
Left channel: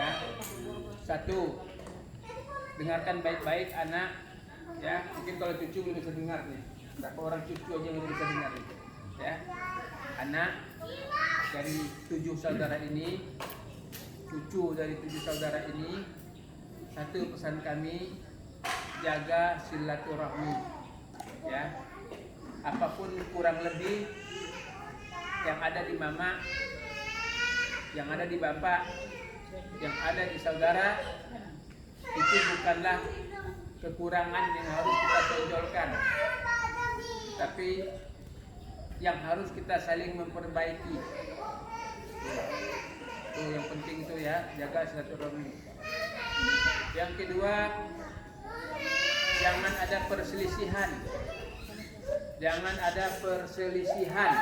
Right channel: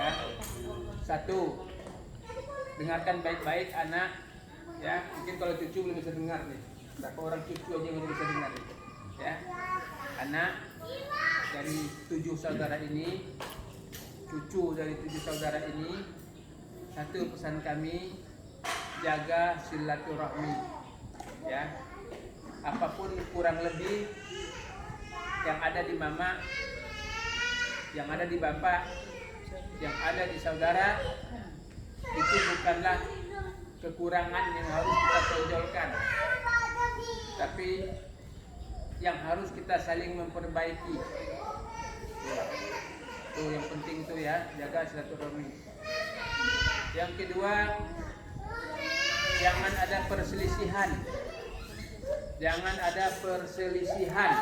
Ya. 1. Dengarkan baik-baik anak. Ya, mungkin kalau cucu belum bisa dengar nih. Berapa orang cucu aja yang udah bisa dengar nih. Ya. Anak dari 7 saudara ini, cucu dari 7 saudara ini, satu pesan kami, jaga silaturahmi. Ya. Apapun kurang lebih yang ada di mama, yang ada di bapak, yang ada di saudara, itu bukanlah kekurangan yang harus kita tonjolkan, tapi yang harus kita saling memperbaiki. Itu yang penting itu ya, jaga silaturahmi. Yang kedua, jangan ada perselisihan. Jangan ada perselisihan.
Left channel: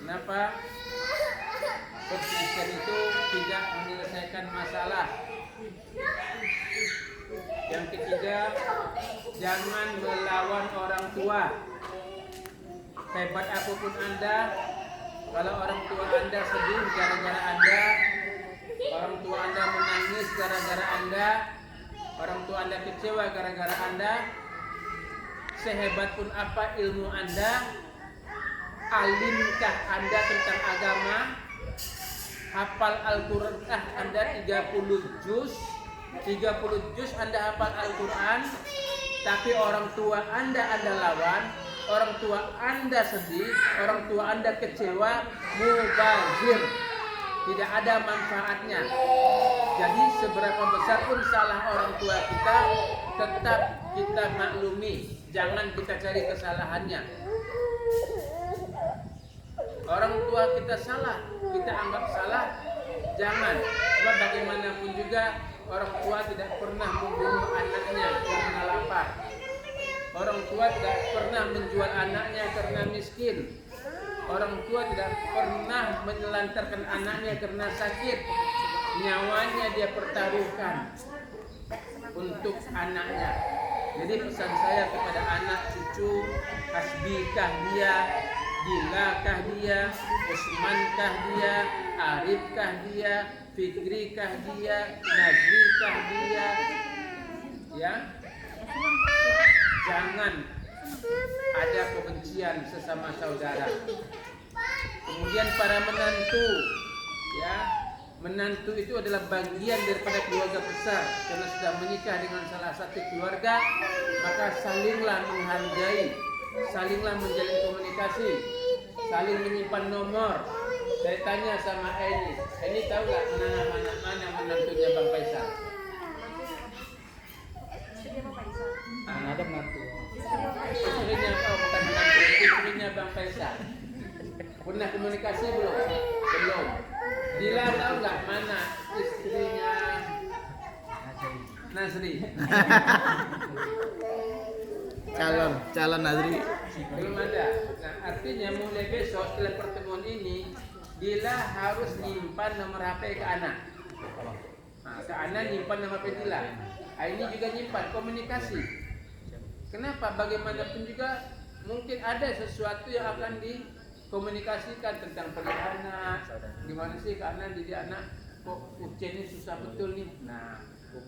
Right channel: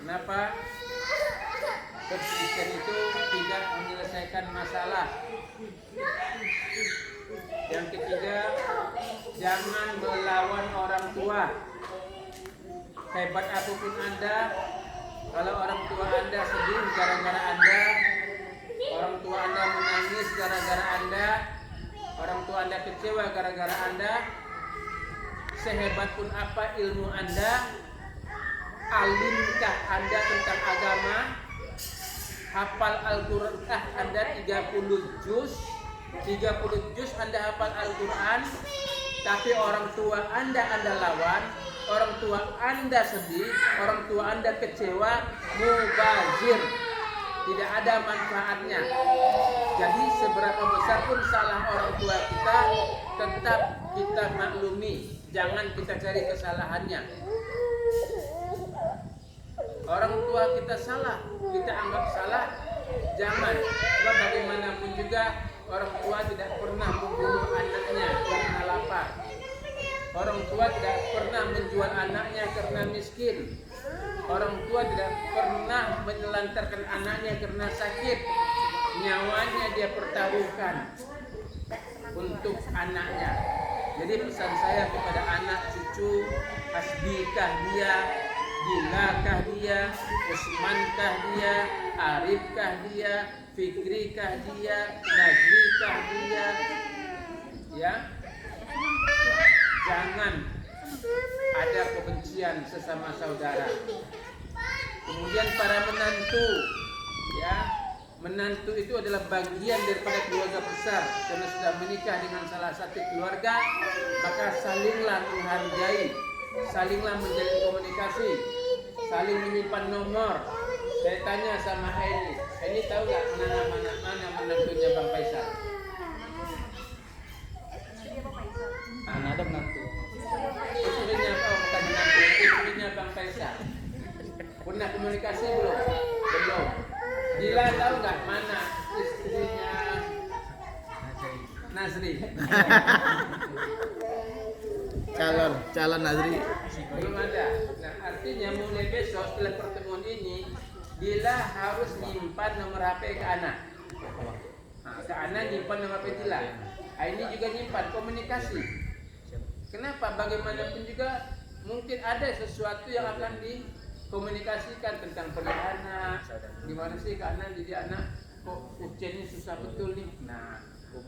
Kenapa? Perselisihan itu tidak menyelesaikan masalah. Yang ketiga, jangan melawan orang tua. Hebat apapun Anda, kalau orang tua Anda sedih gara-gara Anda, orang tua Anda menangis gara-gara Anda, orang tua Anda kecewa gara-gara Anda, sehebat pun apa ilmu Anda, alimkah Anda tentang agama, hafal Al-Quran Anda 30 juz Anda hafal Al-Quran, tapi orang tua Anda lawan, orang tua Anda sedih, orang tua Anda kecewa, mubazir, tidak ada manfaatnya. Jadi seberapa besar pun salah orang tua kita, tetap kita maklumi, jangan kita cari kesalahannya. Orang tua kita salah, kita anggap salah, jangan. Sebab bagaimanapun juga orang tua tidak pernah membunuh anaknya karena lapar. Orang tua tidak pernah menjual anaknya karena miskin. Orang tua tidak pernah menelantarkan anaknya karena sakit. Nyawanya dia pertaruhkan untuk anaknya. Jadi pesan saya kepada anak cucu, hasbikah dia, Bilakah dia, Usmankah dia, Arifkah dia, Fikri kah dia, Nazri kah dia, ya, jangan ada kebencian sesama saudara. Kemudian para menantu, ya, menantu itu adalah bagian daripada keluarga besar. Karena sudah menikah dengan salah satu keluarga, maka salinglah menghargai, salinglah menjalin komunikasi, saling menyimpan nomor. Saya tanya sama Aini tahu nggak mana menantunya Bang Faisal? Ada menantu. Istrinya, oh bukan menantu, istrinya Bang Faisal. Pernah komunikasi belum? Belum. Dila tahu nggak mana istrinya Nazri? Calon Nazri. Belum ada. Nah, artinya mulai besok setelah pertemuan ini, Dila harus nyimpan nomor HP ke anak. Nah, ke anak nyimpan nomor HP Dila. Ini juga nyimpan komunikasi. Kenapa? Bagaimanapun juga mungkin ada sesuatu yang akan dikomunikasikan tentang perihal anak. Gimana sih ke anak, didik anak kok ujiannya susah betul nih. Nah,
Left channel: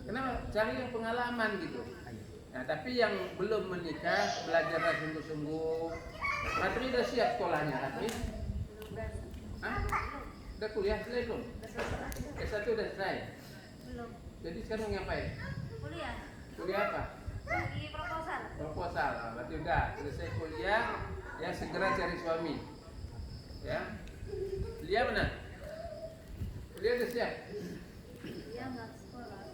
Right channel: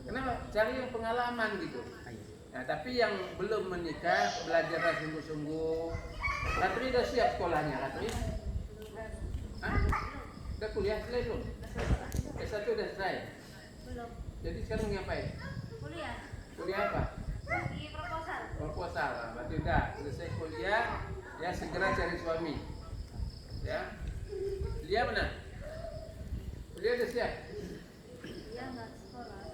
kenapa? Cari yang pengalaman gitu. Nah, tapi yang belum menikah belajarlah sungguh-sungguh. Ratri udah siap sekolahnya, Ratri? Hah? Udah kuliah selesai belum? S1 udah selesai? Belum. Jadi sekarang ngapain? Kuliah. Kuliah apa? Di proposal. Proposal. Nah, berarti udah selesai kuliah, ya segera cari suami. Ya. Lia mana? Lia udah siap? Dia nggak sekolah.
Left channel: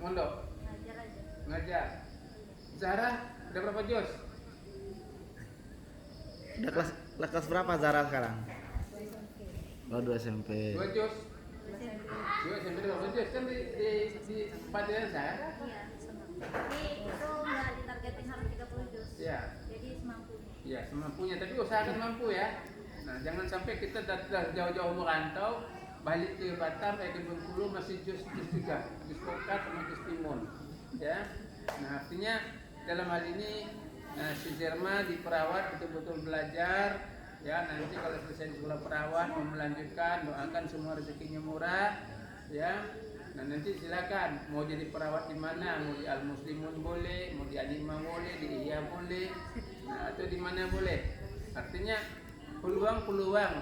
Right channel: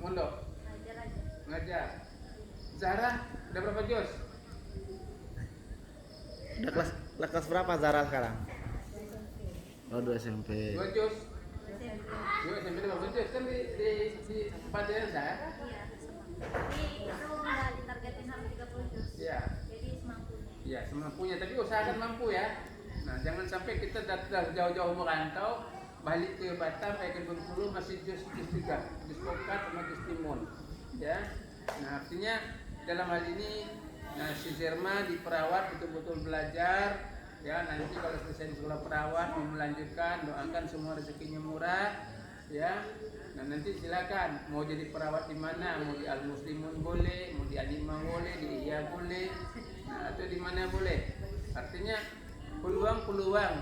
Mondok? Ngajar aja. Ngajar. Zara, udah berapa juz? Udah kelas berapa Zara sekarang? Oh, 2 SMP. 2 juz? 2 SMP udah berapa juz? Kan di Padang kan? Iya, sama. Tapi itu nggak ditargetin harus 30 juz. Iya. Jadi semampunya. Ya, semampunya, tapi usahakan mampu ya. Nah, jangan sampai kita datang jauh-jauh merantau, balik ke Batam, ke Bengkulu masih jus juga, jus pokat sama jus timun, ya. Nah, artinya dalam hal ini, nah si Zerma di perawat betul-betul belajar, ya. Nanti kalau selesai di sekolah perawat mau melanjutkan, doakan semua rezekinya murah, ya. Nah, nanti silakan mau jadi perawat di mana, mau di Al Muslimun boleh, mau di Anima boleh, di Iya boleh, nah atau di mana boleh. Artinya peluang-peluang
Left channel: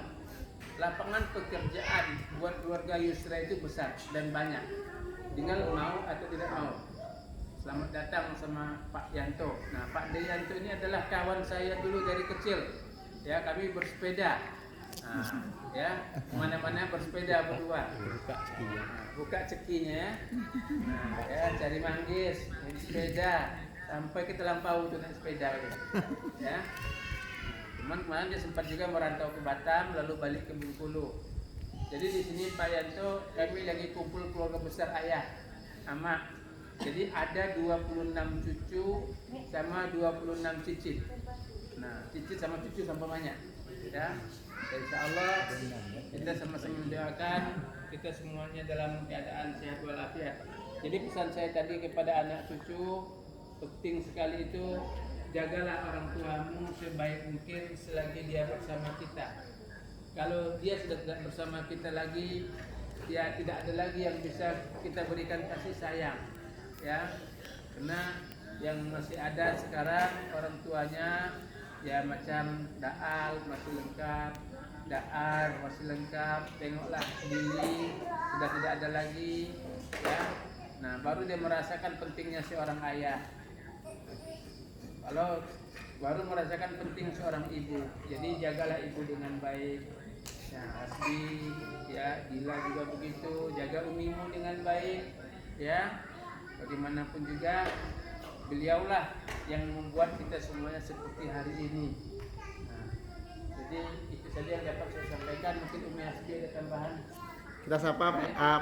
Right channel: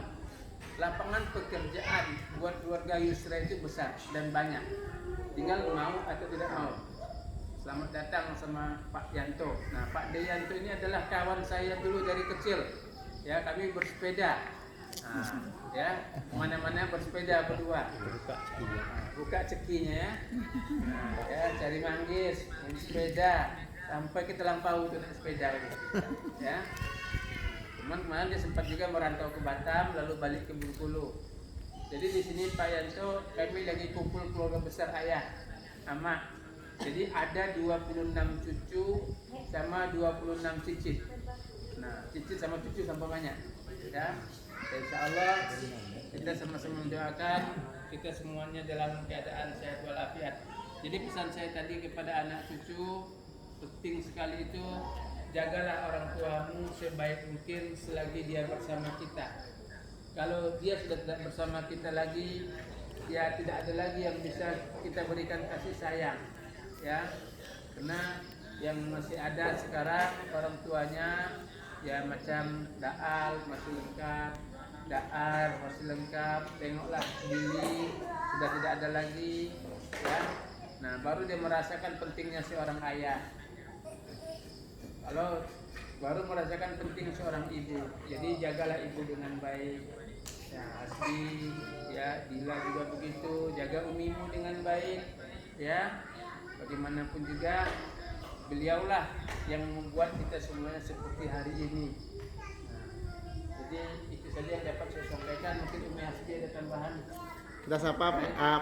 lapangan pekerjaan buat keluarga Yusra itu besar dan banyak. Tinggal mau atau tidak mau. Selamat datang sama Pak Yanto. Nah, Pak Deyanto ini adalah kawan saya dulu dari kecil. Ya, kami bersepeda. Nah, ya, mana-mana bersepeda berdua. Nah, buka cekinya ya. Nah, ya cari manggis, naik sepeda sampai kita lampau tuh naik sepeda gitu. Ya. Cuman kemarin dia sempat juga merantau ke Batam lalu balik ke Bengkulu. Jadi di sini Pak Yanto kami lagi kumpul keluarga besar ayah sama. Jadi ada 26 cucu sama 26 cicit. Nah, cicit sama cucu sama banyak. Ya. Dan insya Allah kita sama-sama mendoakan kita semuanya dalam keadaan sehat walafiat. Jadi pesan saya tadi kepada anak cucu penting sekali itu, jagalah orang tuamu sebaik mungkin selagi dia bersama kita. Kalau dia sudah tidak bersama kita lagi, ya tidak ada lagi yang bisa kita berikan kasih sayang, ya. Karena yang masih ada sekarang orang tuanya ya macam Daal masih lengkap, Daar masih lengkap, tengoklah Billy sudah tidak ada lagi, ya. Nah, baru dia merasakan pentingnya seorang ayah. Kalau baru merasakan penting seorang ibu, jadi jagalah ibu dengan baik. Ya, Asbi, ya, Dila juga begitu, jaga umimu dengan baik, ya. Bagaimanapun juga beliaulah yang membuat kita semuanya seperti hari ini. Nah, jadi itu saja yang dapat saya sampaikan. Mungkin Umi Asbi ada tambahan. Kita sapa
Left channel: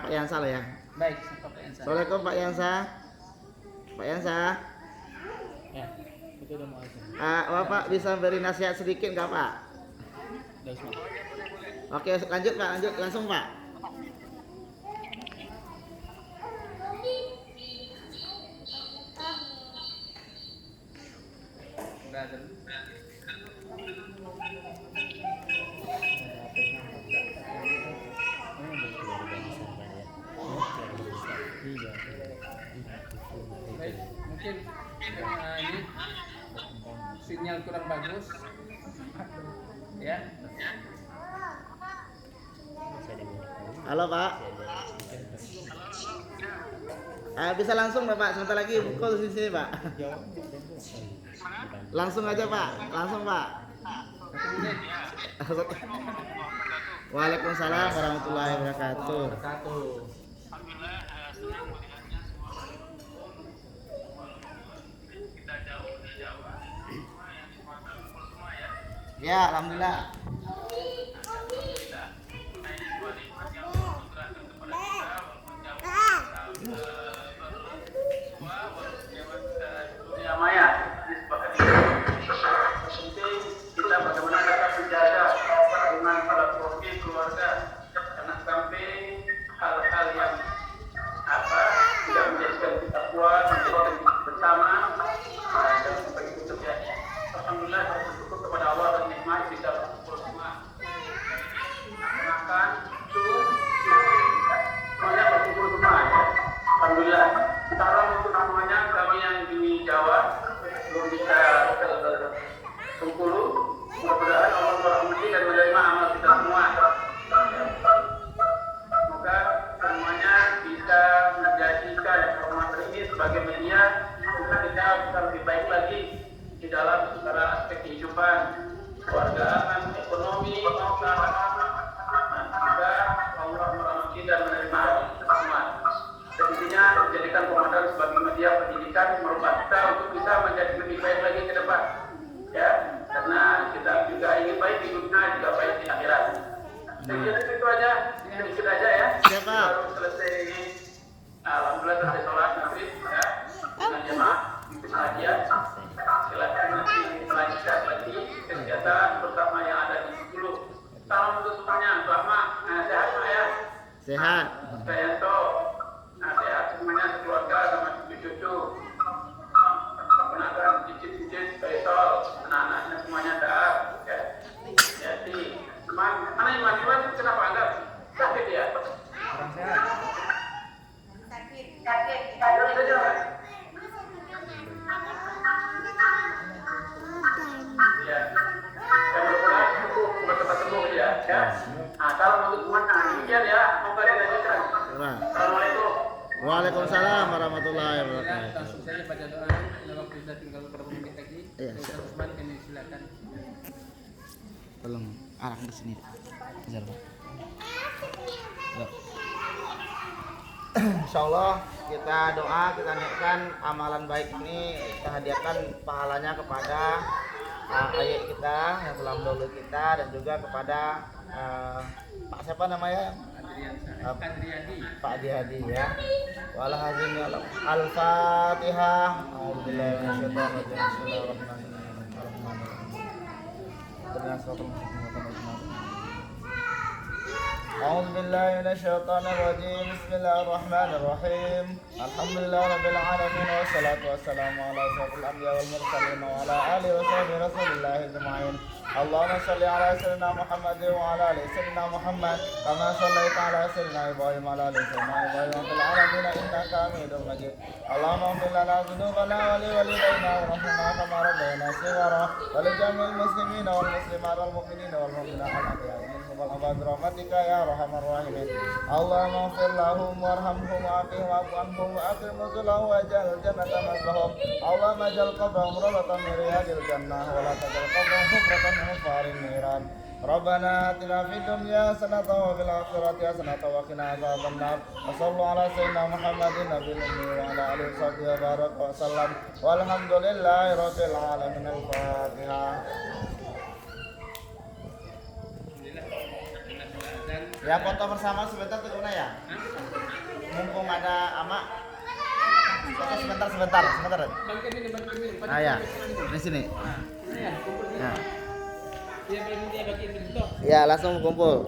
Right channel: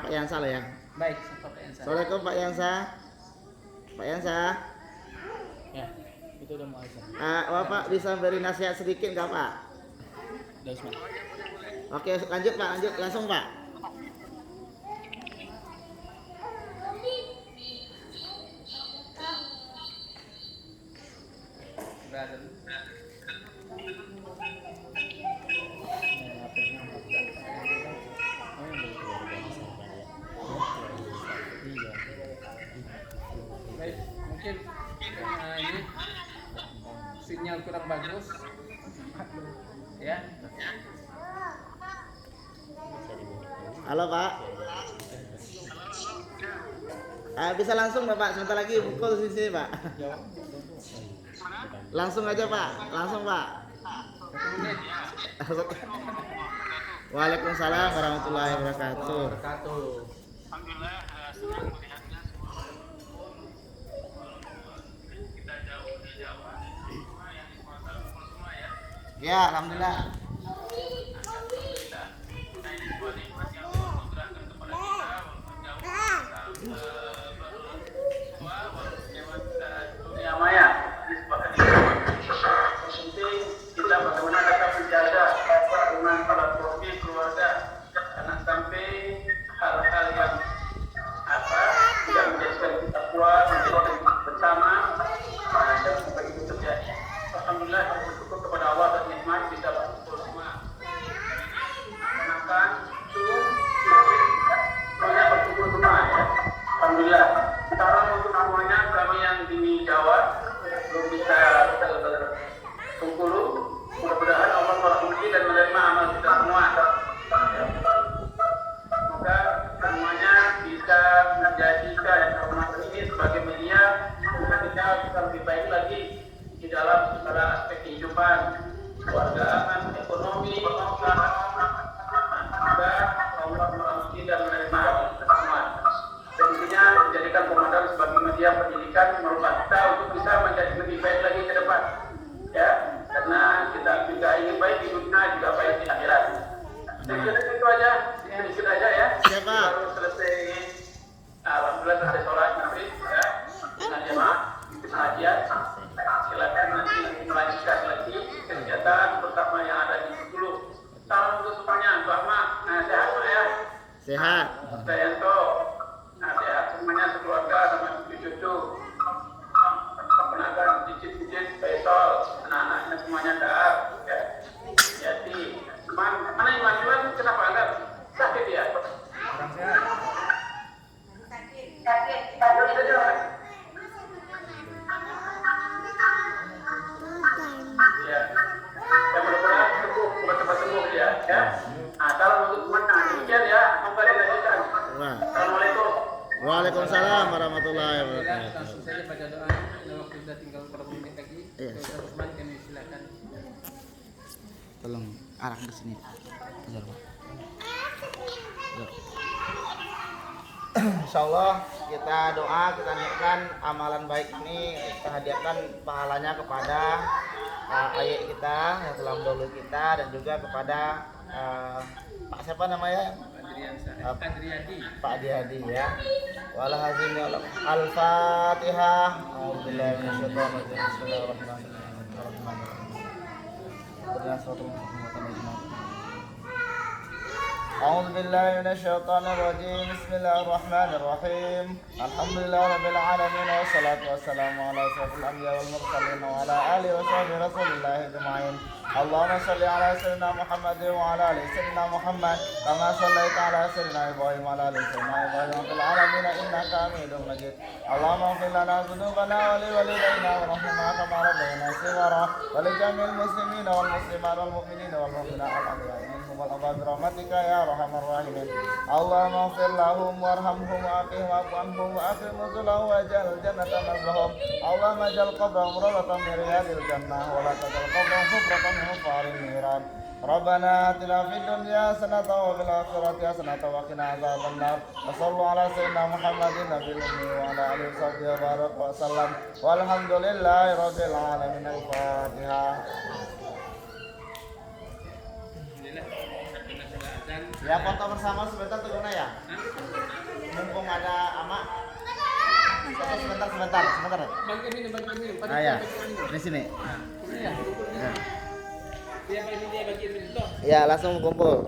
Pak Yansa lah ya. Baik, sapa Pak Yansa. Assalamualaikum Pak Yansa. Pak Yansa. Ya, itu udah mau aja. Bapak bisa beri nasihat sedikit nggak Pak? Udah semua. Oke, lanjut Pak, lanjut langsung Pak. Brother. sinyal kurang bagus. Ya. Halo Pak. Bisa langsung Bapak, sebentar lagi pukul di sini Pak. Langsung aja Pak, langsung Pak. 1 menit. Waalaikumsalam warahmatullahi wabarakatuh. Ya, alhamdulillah. Maya, disepakati. Penting kita benar-benar dapat menjaga hubungan para suami keluarga, jangan sampai hal-hal yang tidak menjadikan kita kuat, menjadikan kita bersama, dan sampai itu terjadi. Alhamdulillah, bersyukur kepada Allah dan nikmat bisa berkumpul semua. Makan, minum, semuanya berkumpul semua. Ya. Alhamdulillah. Kita orang untuk semuanya kami yang di Jawa belum bisa Bengkulu. Mudah-mudahan Allah merahmati dan menerima amal kita semua. Semoga semuanya bisa menjadikan pertemuan ini sebagai media untuk kita bisa lebih baik lagi di dalam segala aspek kehidupan, keluargaan, ekonomi, usaha. Semoga Allah merahmati dan menerima amal kita semua. Intinya menjadikan Ramadan sebagai media pendidikan merupakan kita untuk bisa menjadi lebih baik lagi ke depan, ya, karena kita juga ingin baik di dunia juga baik di akhirat. Jadi itu aja, sedikit aja ya. Siapa? Baru selesai, alhamdulillah selesai sholat maghrib, ya, dengan jemaah di pengajian. Silakan nanti melanjutkan lagi kegiatan bersama yang ada di 10. Salam untuk semuanya, Mbak Ma, sehat Pak ya. Sehat. Dayanto. Sehat semuanya sekeluarga sama cucu-cucu, keponakan, cicit-cicit, Faisal, anak-anaknya semuanya sehat. Ya. Jadi, mana yang maju kenapa agak sakit ya? Kurang sehat. Sakit saja. Ya. Mudah-mudahan itu cepat sembuh ya. Ya. Nah, kalau untuk semuanya demikian ya, monggo dilanjutkan. Assalamualaikum. Waalaikumsalam warahmatullahi Alhamdulillah, wabarakatuh. langsung saja baca doa. Karena waktu sudah tinggal beberapa menit lagi. Iya, Ustaz Usman kami silakan. Tolong arah ke sini. Bentar, Pak. Ya. Insyaallah kita doa, kita niatkan amalan baik ini, kita hadiahkan pahalanya kepada ayah kita yang telah mendahului kita dan juga kepada Pak siapa namanya? Adriadi. Pak Adriadi ya. Wala hazim ya Allah. Al-Fatihah. A'udzubillahi minasyaitonir rajim. Bismillahirrahmanirrahim. أعوذ بالله من الشيطان الرجيم بسم الله الرحمن الرحيم الحمد لله رب العالمين والصلاة والسلام على أشرف الأنبياء والمرسلين وعلى آله وصحبه رسول الله أجمعين اللهم صل على سيدنا محمد وعلى آل سيدنا محمد كما صليت على سيدنا إبراهيم وعلى آل سيدنا إبراهيم في العالمين إنك حميد مجيد اللهم اغفر لنا ذنوبنا ولوالدينا وارحمنا كما ربينا صغارا ولجميع المسلمين والمسلمات والمؤمنين والمؤمنات الأحياء منهم والأموات برحمتك يا أرحم الراحمين اللهم اغفر لهم وارحمهم وعافهم واعف عنهم وأكرم نزلهم واجعل الجنة مثواهم اللهم اجعل قبرهم روضة من رياض الجنة ولا تجعل قبرهم حفرة من حفار النيران ربنا آتنا في الدنيا حسنة وفي الآخرة حسنة وقنا عذاب النار وصلوا على سيدنا محمد النبي الأمي وعلى آله وصحبه وبارك وسلم والحمد لله رب العالمين الفاتحة. Ya foto bersama sebentar tuh gimana ya? Mumpung ada ama. Foto sebentar. Bangkit ini. Nah ya, di sini. Iya. Ya. Iya, ini dia bagian itu. Ya langsung kumpul.